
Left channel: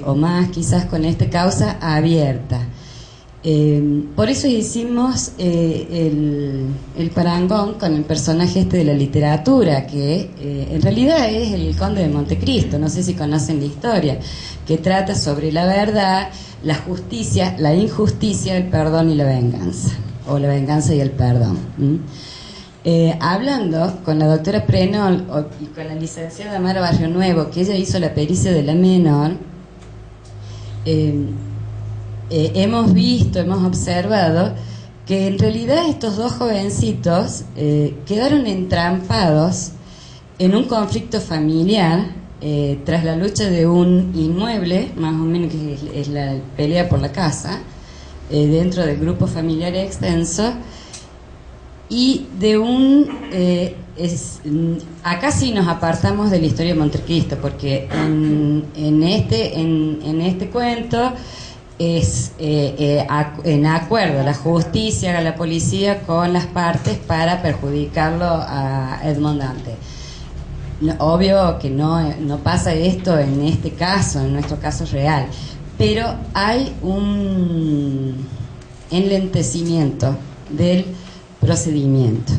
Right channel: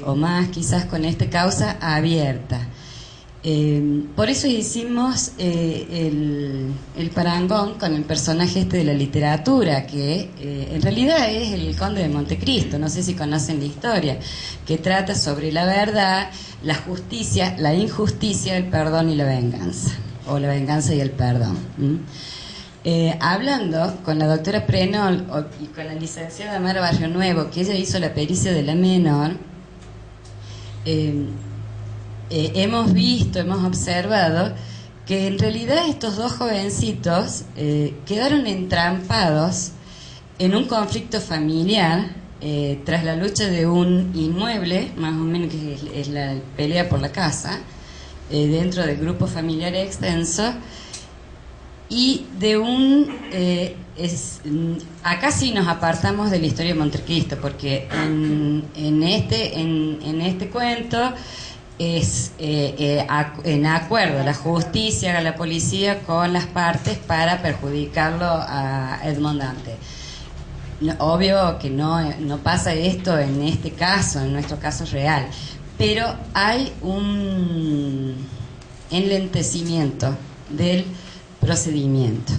o más quizás con esta causa abierta. Por eso hicimos el parangón con el personaje este de la literatura, que en realidad es el Conde de Montecristo, no sé si conocen la historia, que trata sobre la verdad, la justicia, la injusticia, el perdón y la venganza, o la venganza y el perdón. Hablando con la doctora Prenol y con la licenciada Mara Barrio Nuevo, que ella hizo la pericia de la menor, hemos visto, hemos observado que en realidad estos dos jovencitos quedaron entrampados en un conflicto familiar tras la lucha de un inmueble, más o menos que es la pelea por la casa, dentro del grupo familiar extenso, y de un... acá sí nos apartamos de la historia de Montecristo, porque en este cuento es en acuerdo la justicia, la policía con las partes para perjudicarlo a Edmond Dantès. Obvio que no pasa esto en este caso, en nuestro caso real, pero hay un enlentecimiento del procedimiento.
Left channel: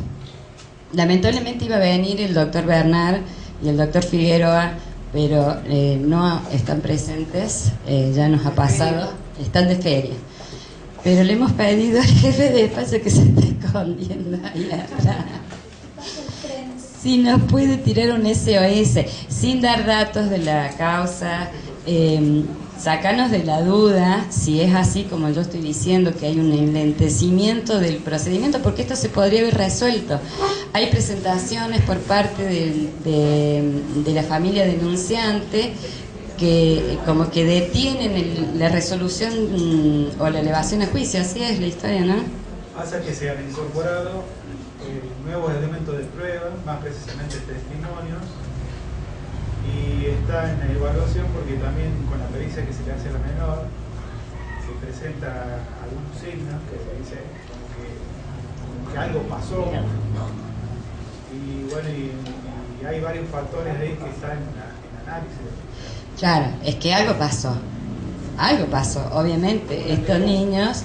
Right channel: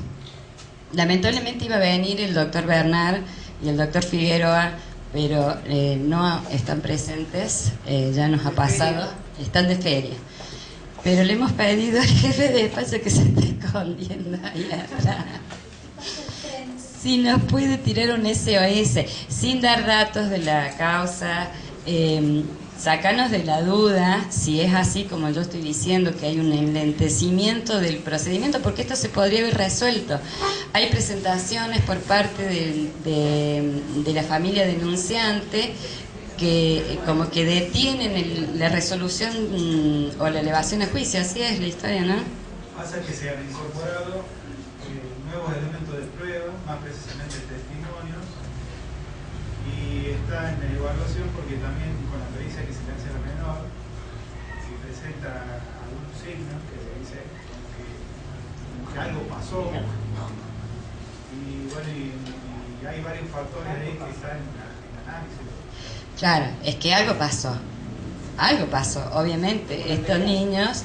Lamentablemente iba a venir el doctor Bernard y el doctor Figueroa, pero no están presentes, ya nos ha pasado, están de feria. Pero le hemos pedido al jefe de despacho que se esté escondiendo ahí atrás. Si nos puede tirar un SOS, sin dar datos de la causa, sacarnos de la duda si es así como yo estoy diciendo, que hay un enlentecimiento del procedimiento, porque esto se podría haber resuelto. Hay presentaciones por parte de la familia denunciante que como que detienen la resolución o la elevación a juicio. Así es la historia, ¿no? Pasa que se han incorporado nuevos elementos de prueba, más precisamente testimonios, y está en evaluación porque también con la pericia que se le hace a la menor se presenta algunos signos que se dice como que algo pasó, y bueno, y hay varios factores ahí que están en análisis. Claro, es que algo pasó, obviamente. Estos niños,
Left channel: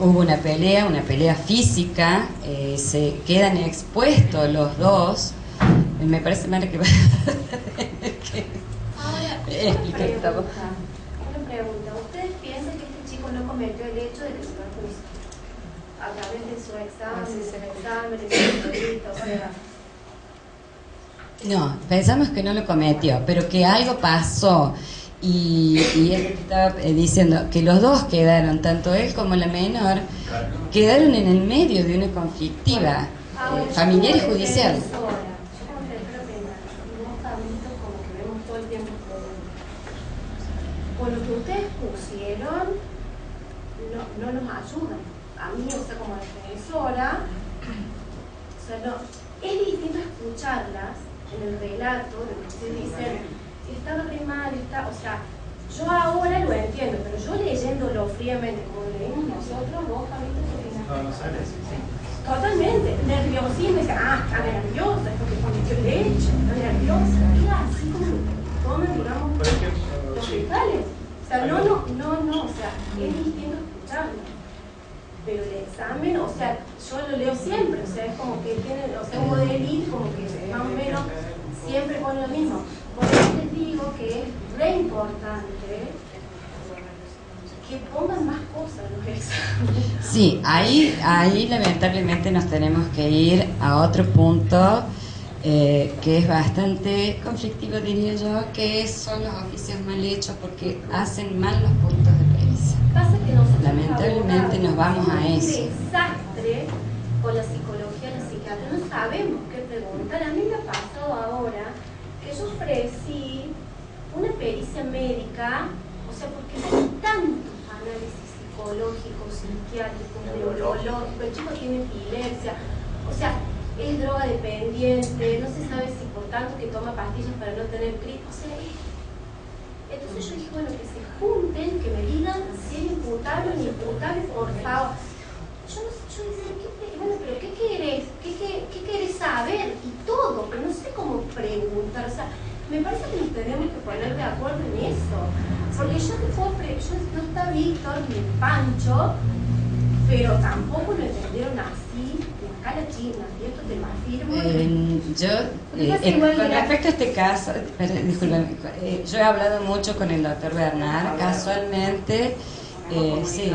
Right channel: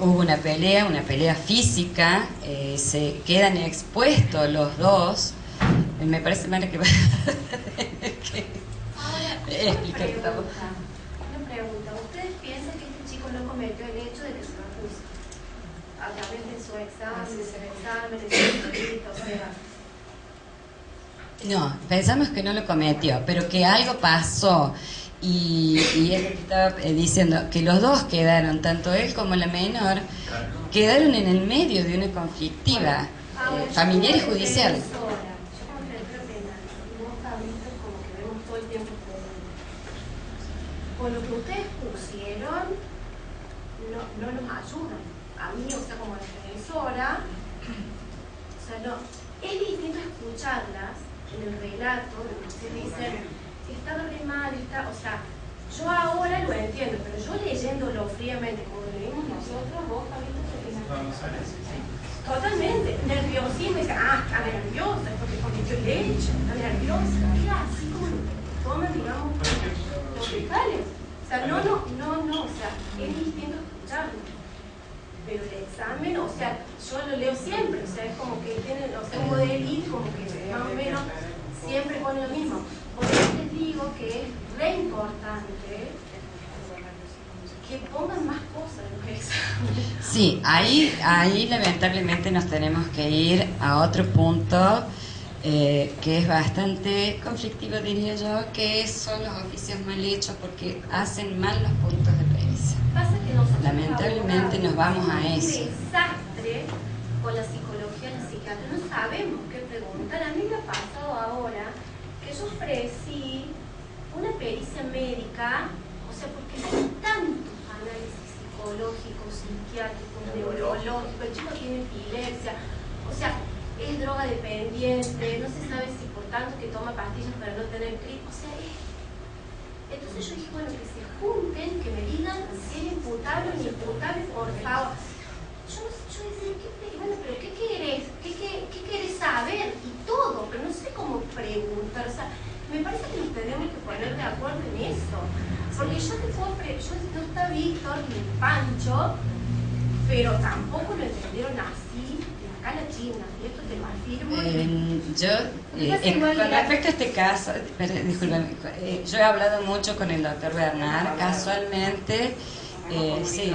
hubo una pelea física, se quedan expuestos los dos. Me parece, Mara, que va a explicar. Una pregunta. ¿Ustedes piensan que este chico no cometió el hecho de que se fue a juicio? A través de su examen, de su entrevista, o sea... No, pensamos que no lo cometió, pero que algo pasó. Y es lo que estaba diciendo, que los dos quedaron, tanto él como la menor, quedaron en el medio de una conflictiva familiar y judicial. Con lo que ustedes pusieron, no nos ayudan. A mí, o sea, como defensora, o sea, no, es distinto escucharlas en el relato, de lo que ustedes dicen, si estaba re mal, o sea, yo ahora lo entiendo, pero yo leyéndolo fríamente, como lo leímos nosotros, vos, Fabito, No sale así. totalmente, nerviosismo, está nerviosa, es porque cometió el hecho, está nerviosa, así como lo toman, digamos, los fiscales. O sea, no, o sea, es distinto escucharlo. Pero el examen, o sea, yo lo leo siempre, o sea, es como que tiene, o sea, Hugo de Elite, como que más o menos siempre pone lo mismo. Por eso les digo que es re importante que pongan más cosas en los exámenes. Sí, ahí lamentablemente nos tenemos que ir a otro punto que es bastante conflictivo, diría yo, que son los oficios mal hechos porque hacen mal los puntos de pericia. Pasa que nosotros Lamentablemente nos vamos a eso. un desastre con la psicología, la psiquiatría, no sabemos qué preguntar. A mí me ha pasado ahora que yo ofrecí una pericia médica, o sea, porque hay tantos análisis psicológicos, psiquiátricos, neurológicos, el chico tiene epilepsia, o sea, es droga dependiente, no se sabe si por tanto que toma pastillas para no tener crisis, o sea, Entonces yo dije, bueno, que se junten, que me digan si es imputable o inimputable, por favor. Yo decía, bueno, pero ¿qué querés? ¿Qué querés saber? Y todo, pero no sé cómo preguntar. O sea, me parece que nos tenemos que poner de acuerdo en eso. Porque yo te puedo no está Víctor ni Pancho, pero tampoco lo entendieron así de acá a la China, y esto te lo afirmo. Con respecto a este caso, discúlpame, yo he hablado mucho con el doctor Bernard, casualmente, sí,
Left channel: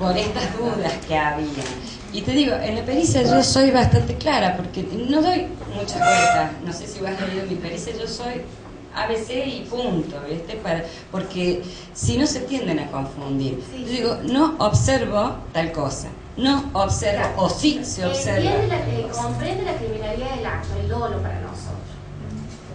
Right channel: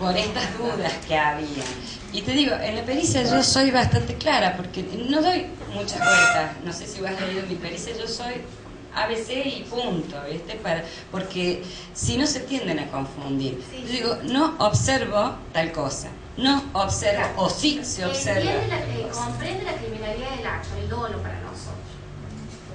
por estas dudas que había. Y te digo, en la pericia yo soy bastante clara, porque no doy muchas vueltas. No sé si vos has leído mi pericia, yo soy ABC y punto, ¿viste? Porque si no se tienden a confundir. Sí. Yo digo, no observo tal cosa, no observo, o sí se observa. Comprende la criminalidad del acto, el dolo para nosotros.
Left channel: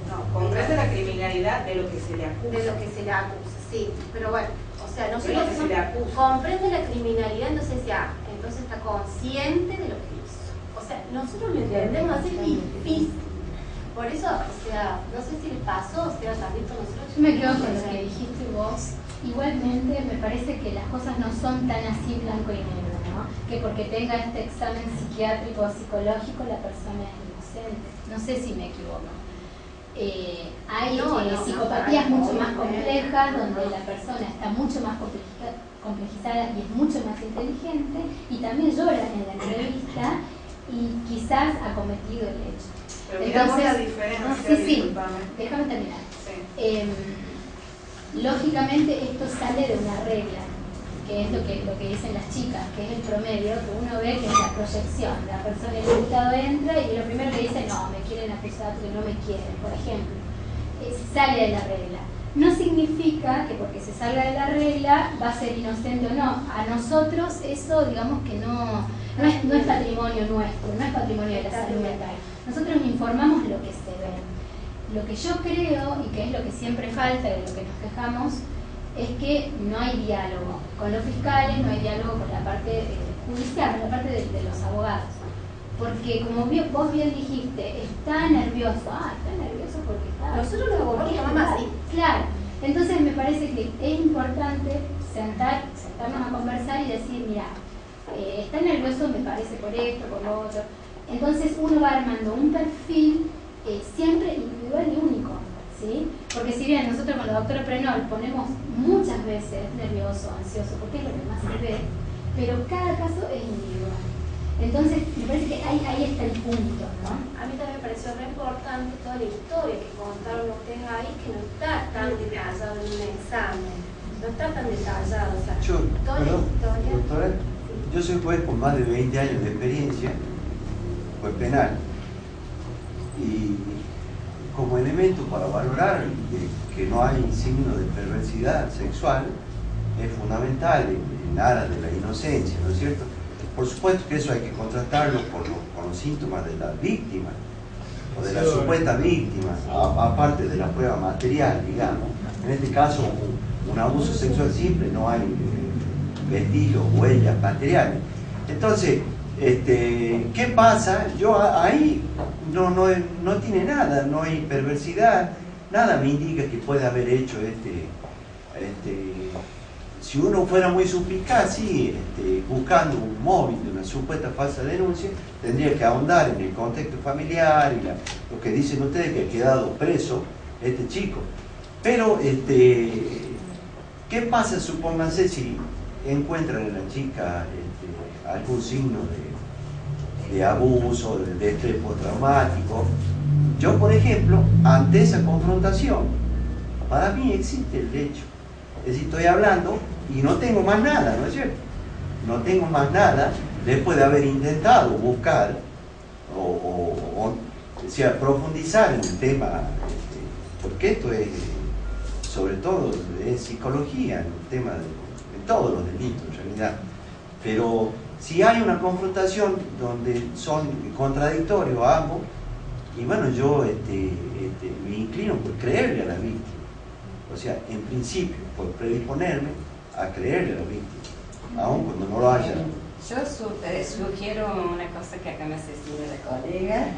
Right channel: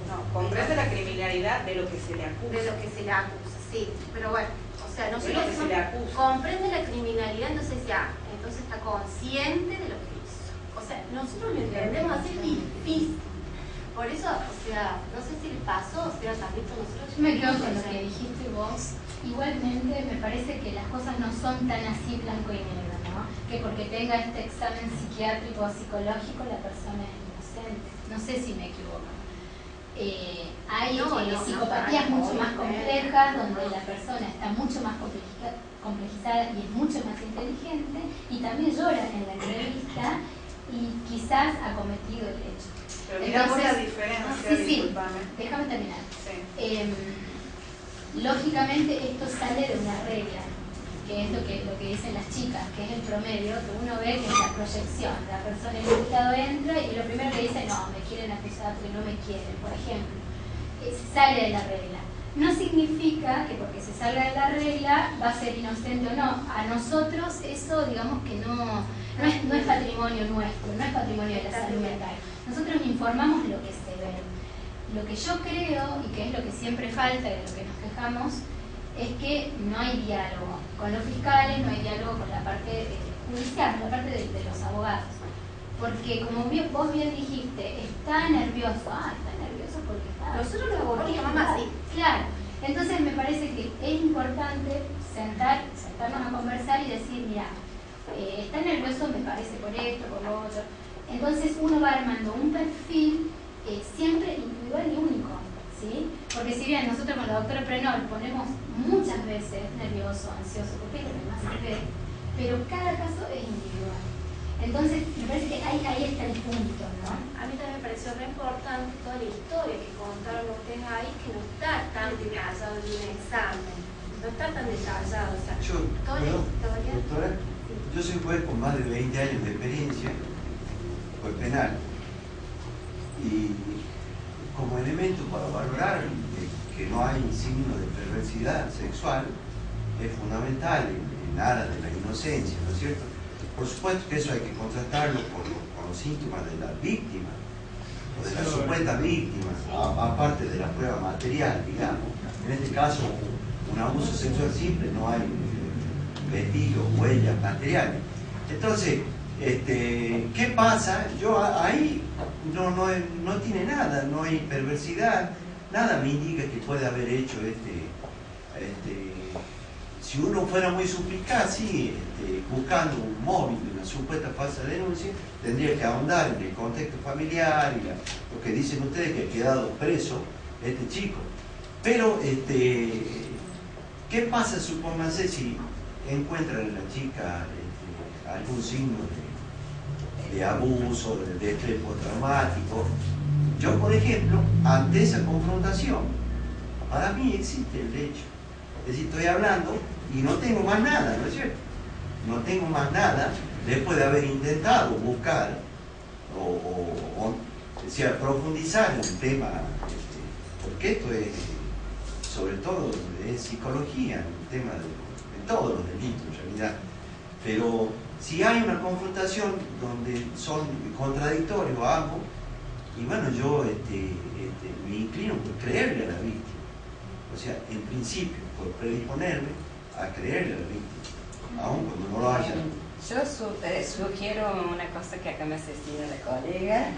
No, comprende la criminalidad de lo que se le acusa. De lo que se le acusa, sí. Pero bueno, o sea, nosotros que se le acusa. comprende la criminalidad, entonces ya, entonces está consciente de lo que hizo. O sea, nosotros lo entendemos, es difícil. Por eso, o sea, no sé si le pasó, o sea, también con nosotros. Yo me quedo con lo que dijiste vos. Igualmente me parece que las cosas no son tan así blanco y negro, ¿no? Que porque tenga este examen psiquiátrico o psicológico la persona es inocente. No sé si me equivoco. Hay psicopatías mucho más complejas, donde la persona está mucho más complejizada y es mucho más inteligente, y también llora en la entrevista y quizás ha cometido el hecho. Pero miramos la diferencia, discúlpame. Déjame terminar. Sí. Lógicamente esto sale de una regla, que es lo que dicen las chicas, que es el promedio, que uno ve que es la proyección. La persona, el imputado entra y lo primero que dice, no, me quieren acusar porque no me quieren, por ejemplo. Sale de la regla. No significa que porque se salga de la regla va a ser inocente o no. A nosotros eso, digamos que no es patrimonio nuestro, no es patrimonio de la salud mental. Nosotros informamos lo que se ve. Lo que yo creo, y que es lo que siempre falta, de lo que nos quejamos, es que no hay diálogo con los fiscales, no hay diálogo con la parte judicial, con la parte de los abogados. Porque como vos bien dijiste, está nervioso. Está nervioso porque está... Nosotros lo abogamos mamá, sí. Claro. Entonces me parece que es importante sentarnos a conversar y decir, mira, está nervioso, me parece, por esto, por lo otro. Entonces uno va armando un perfil siempre individual y único, ¿sí? Porque si bien nosotros con la doctora Prenol ponemos muchas veces nervioso, ansioso, porque es lo que más se ve, pero cada caso es individual. Entonces me parece que ahí está el punto, ¿no? A mí también me pareció re importante toda la historia que contaron ustedes ahí, que no está tan detallado en un examen, no está tan detallado, o sea, toda la historia. Doctora, yo soy juez con más de 20 años de experiencia, juez penal, y como elemento para valorar que no hay signo de perversidad sexual es fundamental en aras de la inocencia, ¿no es cierto? Por supuesto que eso hay que contrastarlo con los síntomas de la víctima o de la supuesta víctima, aparte de la prueba material, digamos. En este caso, un abuso sexual simple, no hay vestigios, huellas materiales. Entonces, ¿qué pasa? Yo ahí no tiene nada, no hay perversidad, nada me indica que puede haber hecho si uno fuera muy suspicaz, sí, buscando un móvil de una supuesta falsa denuncia, tendría que ahondar en el contexto familiar y lo que dicen ustedes, que ha quedado preso este chico. Pero, ¿qué pasa, supónganse, si encuentran en la chica algún signo de abuso, de estrés postraumático? Yo, por ejemplo, ante esa confrontación, para mí existe el hecho. Es decir, estoy hablando y no tengo más nada, ¿no es cierto? No tengo más nada después de haber intentado buscar o sea, profundizar en el tema, porque esto es, sobre todo, es psicología, el tema de todos los delitos en realidad. Pero si hay una confrontación donde son contradictorios ambos, y bueno, yo me inclino por creerle a la víctima. O sea, en principio, por predisponerme a creerle a la víctima, aun cuando no lo haya. Yo sugiero una cosa que acá me asesina la colega,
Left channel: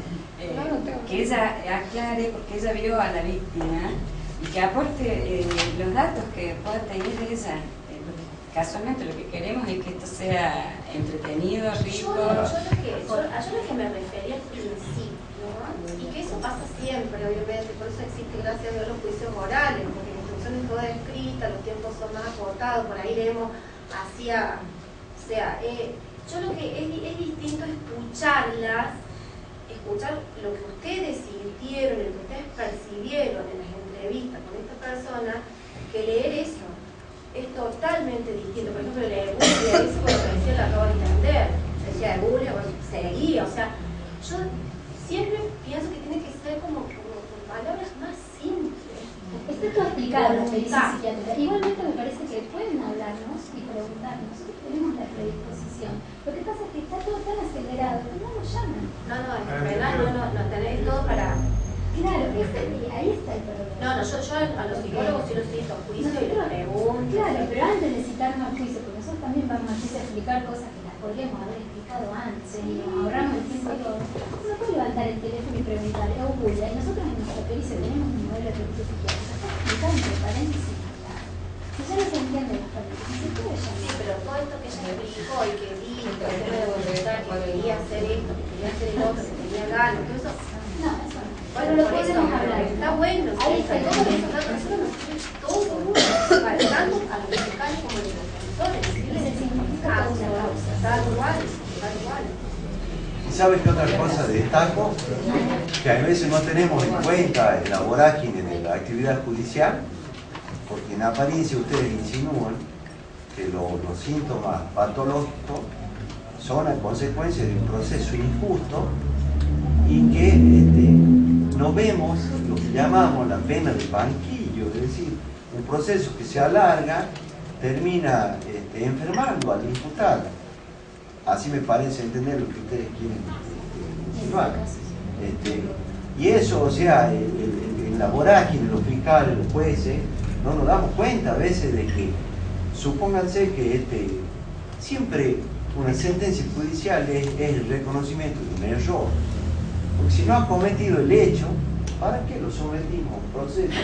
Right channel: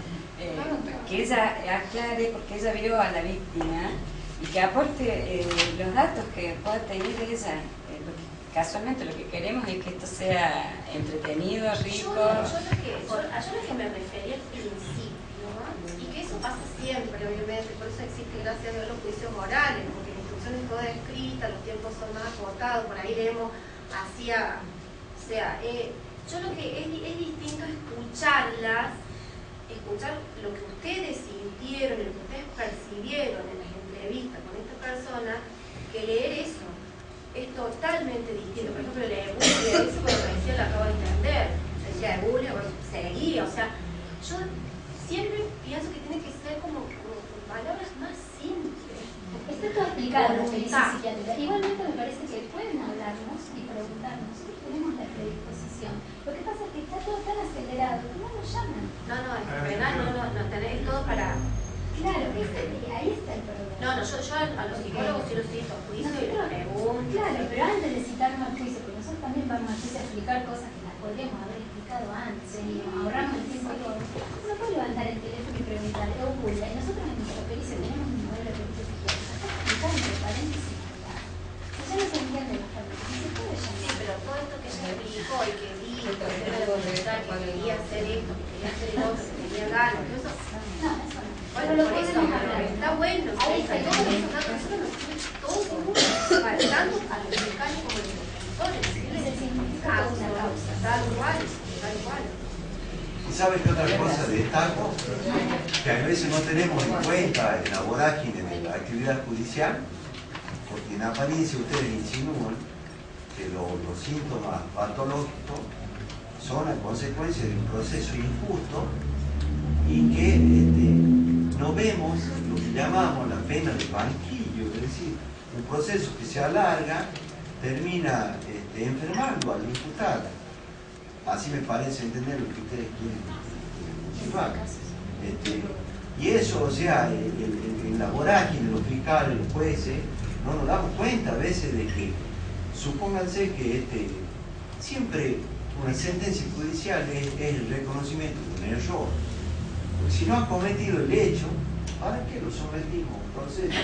que ella aclare, porque ella vio a la víctima y que aporte los datos que pueda tener ella. Casualmente lo que queremos es que esto sea entretenido, rico. Yo lo que me refería al principio, y que eso pasa siempre, obviamente, por eso existe, gracias a Dios, los juicios orales, porque la instrucción es toda escrita, los tiempos son más acotados, por ahí leemos hacia, o sea, yo lo que es distinto escucharlas, escuchar lo que ustedes sintieron, lo que ustedes percibieron en las entrevistas con esta persona, que leer eso. Es totalmente distinto. Por ejemplo, la Ebulia, eso cuando recién lo acabo de entender. Decía Ebulia, bueno, seguía. O sea, yo siempre pienso que tiene que ser como con palabras más simples. Está todo explicado en la experiencia psiquiátrica. Igualmente me parece que pueden hablarnos y preguntarnos. Nosotros tenemos la predisposición. Lo que pasa es que está todo tan acelerado que no nos llaman. No, es penal, no tenés todo para... Claro, ahí está el problema. No, yo a los psicólogos sí los cito a juicio y les pregunto. Claro, pero antes de citarnos al juicio, porque nosotros también vamos a juicio a explicar cosas que las podríamos haber explicado antes y ahorramos el tiempo y todo. Uno puede levantar el teléfono y preguntar, Julia, y nosotros en nuestra pericia tenemos un modelo de pericia psiquiátrica, está explicado entre paréntesis acá. Si ya no se entiende las paréntesis, se puede llamar. Sí, pero todo esto que ella explicó y que dijo, que quería hacer esto, que quería hacer el otro, que tenía ganas, todo eso. No, eso no. Bueno, lo podemos hablar, está bueno, ahí está, todos esos datos, nosotros nos sirve todo, para tanto a los fiscales como a los defensores, causa, tal cual. ¿Y sabes qué otra cosa destaco? Que a veces no tenemos en cuenta en la vorágine de la actividad judicial, porque en apariencia ustedes insinúan que los síntomas patológicos son a consecuencia de un proceso injusto y que no vemos lo que llamamos la pena de banquillo, es decir, un proceso que se alarga, termina enfermando al imputado. Así me parece entender lo que ustedes quieren insinuar. Y eso, o sea, en la vorágine, los fiscales, los jueces, no nos damos cuenta a veces de que, supónganse que siempre una sentencia judicial es el reconocimiento de un error. Porque si no ha cometido el hecho, ¿para qué lo sometimos a un proceso?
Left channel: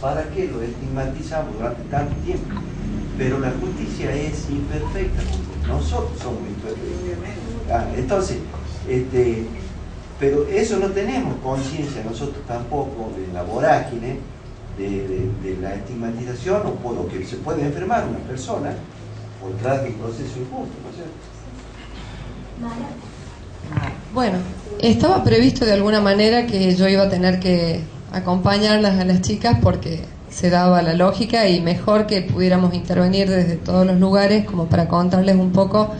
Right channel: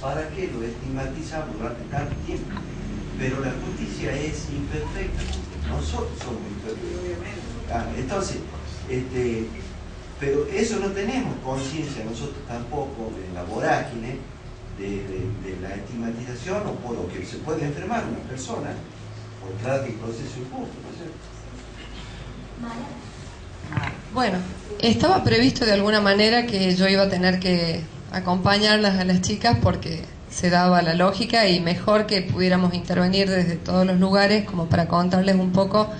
¿Para qué lo estigmatizamos durante tanto tiempo? Pero la justicia es imperfecta, nosotros somos imperfectos. Entonces, pero eso no tenemos conciencia nosotros tampoco de la vorágine, de la estigmatización o por lo que se puede enfermar una persona por detrás de un proceso injusto, ¿no es cierto? Bueno, estaba previsto de alguna manera que yo iba a tener que acompañarlas a las chicas porque se daba la lógica y mejor que pudiéramos intervenir desde todos los lugares como para contarles un poco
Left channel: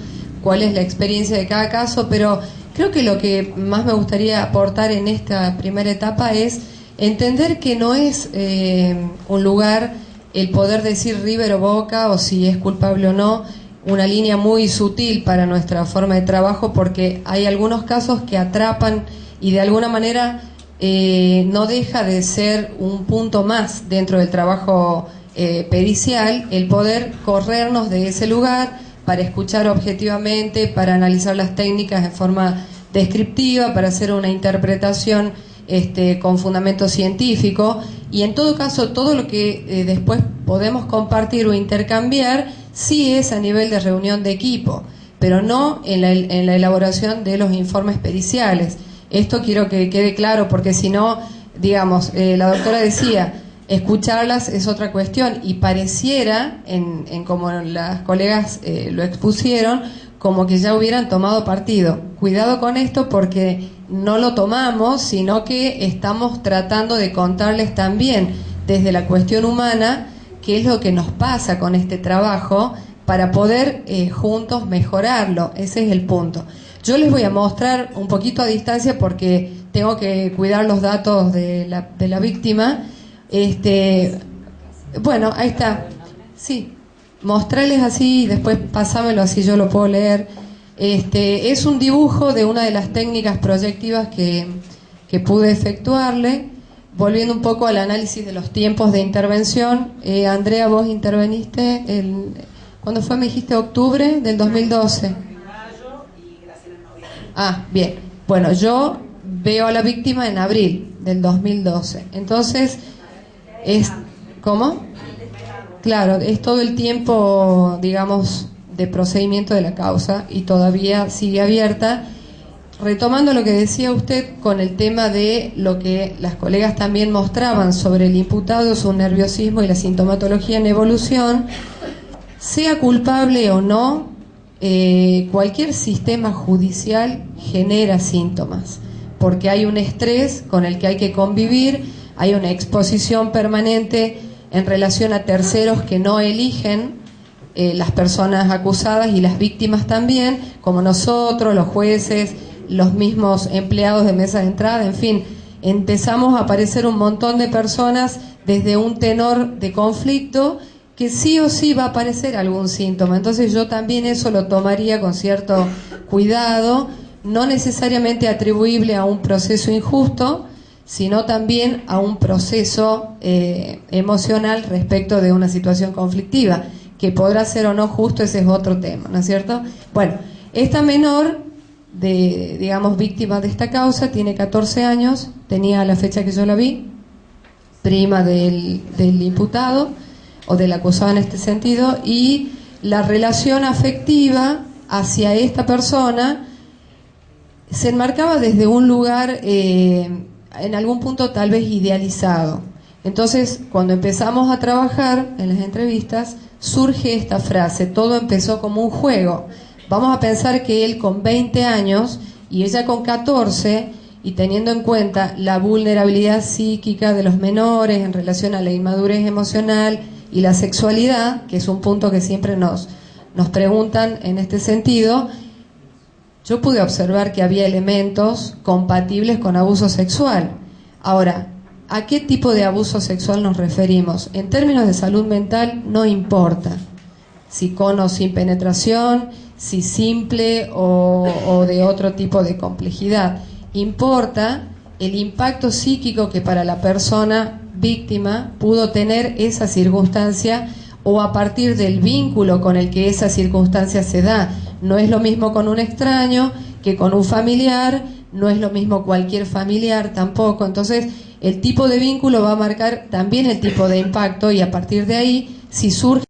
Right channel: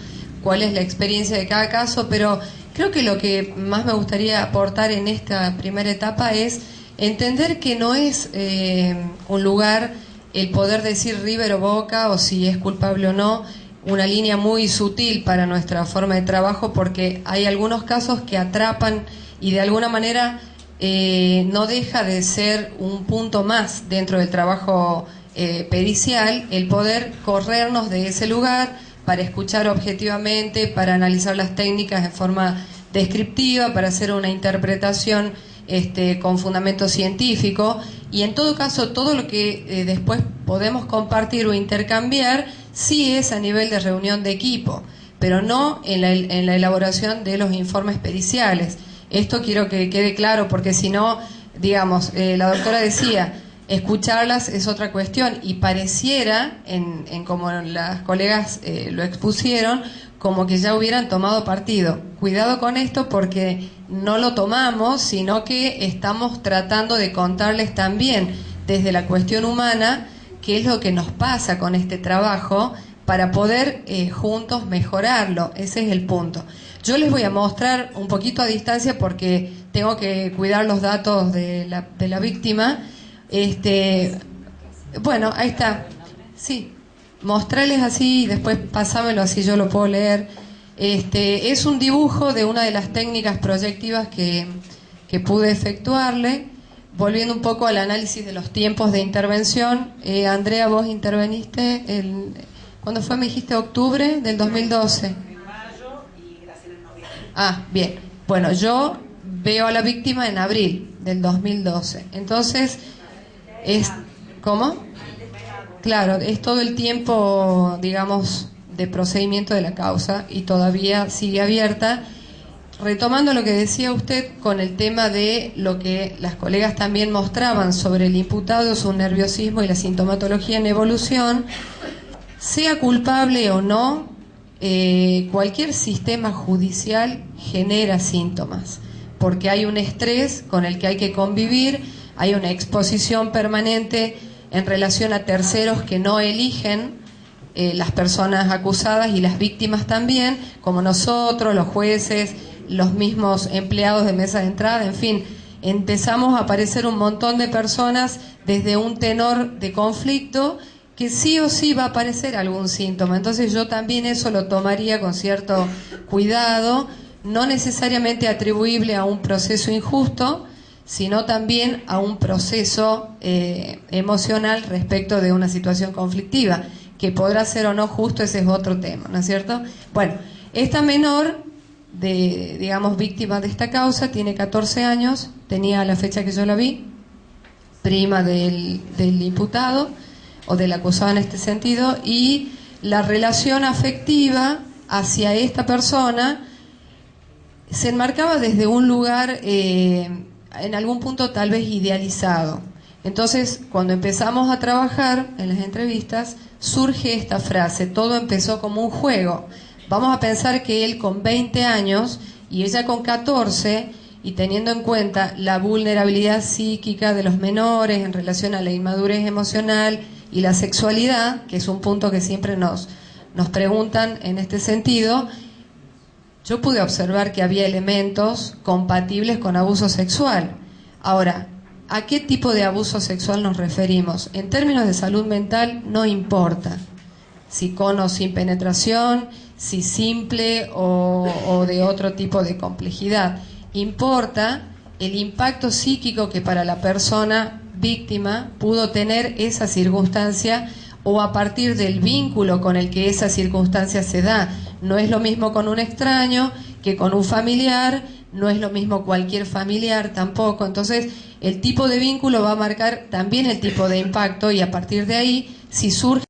cuál es la experiencia de cada caso, pero creo que lo que más me gustaría aportar en esta primera etapa es entender que no es un lugar el poder decir River o Boca o si es culpable o no, una línea muy sutil para nuestra forma de trabajo porque hay algunos casos que atrapan y de alguna manera no deja de ser un punto más dentro del trabajo pericial el poder corrernos de ese lugar para escuchar objetivamente, para analizar las técnicas en forma descriptiva, para hacer una interpretación con fundamento científico y en todo caso todo lo que después podemos compartir o intercambiar sí es a nivel de reunión de equipo, pero no en la elaboración de los informes periciales. Esto quiero que quede claro porque si no, digamos, la doctora decía, escucharlas es otra cuestión y pareciera, en como las colegas lo expusieron, como que ya hubieran tomado partido. Cuidado con esto porque no lo tomamos, sino que estamos tratando de contarles también desde la cuestión humana qué es lo que nos pasa con este trabajo para poder juntos mejorarlo. Ese es el punto. Yo les voy a mostrar un poquito a distancia porque tengo que cuidar los datos de la víctima. Bueno, ahí está. Sí, mostrarles así y después pasámelo así yo lo puedo leer. Es un dibujo de una de las técnicas proyectivas que pude efectuarle. Volviendo un poco al análisis de los tiempos de intervención, Andrea, vos interveniste, ¿cuándo fue? Me dijiste octubre del 2012. Ah, bien. Bueno, yo veo a la víctima en abril del 2012. Entonces, ¿Cómo? Claro, es todo el tiempo, digamos, de procedimiento de la causa y todavía sigue abierta. Retomando lo que decía usted con el tema de lo que las colegas también mostraban sobre el imputado, su nerviosismo y la sintomatología en evolución, sea culpable o no, cualquier sistema judicial genera síntomas, porque hay un estrés con el que hay que convivir, hay una exposición permanente en relación a terceros que no eligen, las personas acusadas y las víctimas también, como nosotros, los jueces, los mismos empleados de mesa de entrada, en fin, empezamos a aparecer un montón de personas desde un tenor de conflicto que sí o sí va a aparecer algún síntoma. Entonces yo también eso lo tomaría con cierto cuidado, no necesariamente atribuible a un proceso injusto, sino también a un proceso emocional respecto de una situación conflictiva, que podrá ser o no justo, ese es otro tema, ¿no es cierto? Bueno, esta menor, digamos, víctima de esta causa, tiene 14 años, tenía a la fecha que yo la vi, prima del imputado, o del acusado en este sentido, y la relación afectiva hacia esta persona se enmarcaba desde un lugar, en algún punto tal vez idealizado. Entonces, cuando empezamos a trabajar en las entrevistas, surge esta frase: todo empezó como un juego. Vamos a pensar que él con 20 años y ella con 14, y teniendo en cuenta la vulnerabilidad psíquica de los menores en relación a la inmadurez emocional y la sexualidad, que es un punto que siempre nos preguntan en este sentido, yo pude observar que había elementos compatibles con abuso sexual. Ahora, ¿a qué tipo de abuso sexual nos referimos? En términos de salud mental no importa si con o sin penetración, si simple o de otro tipo de complejidad. Importa el impacto psíquico que para la persona víctima pudo tener esa circunstancia, o a partir del vínculo con el que esa circunstancia se da. No es lo mismo con un extraño que con un familiar, no es lo mismo cualquier familiar tampoco. Entonces, el tipo de vínculo va a marcar también el tipo de impacto, y a partir de ahí, si surge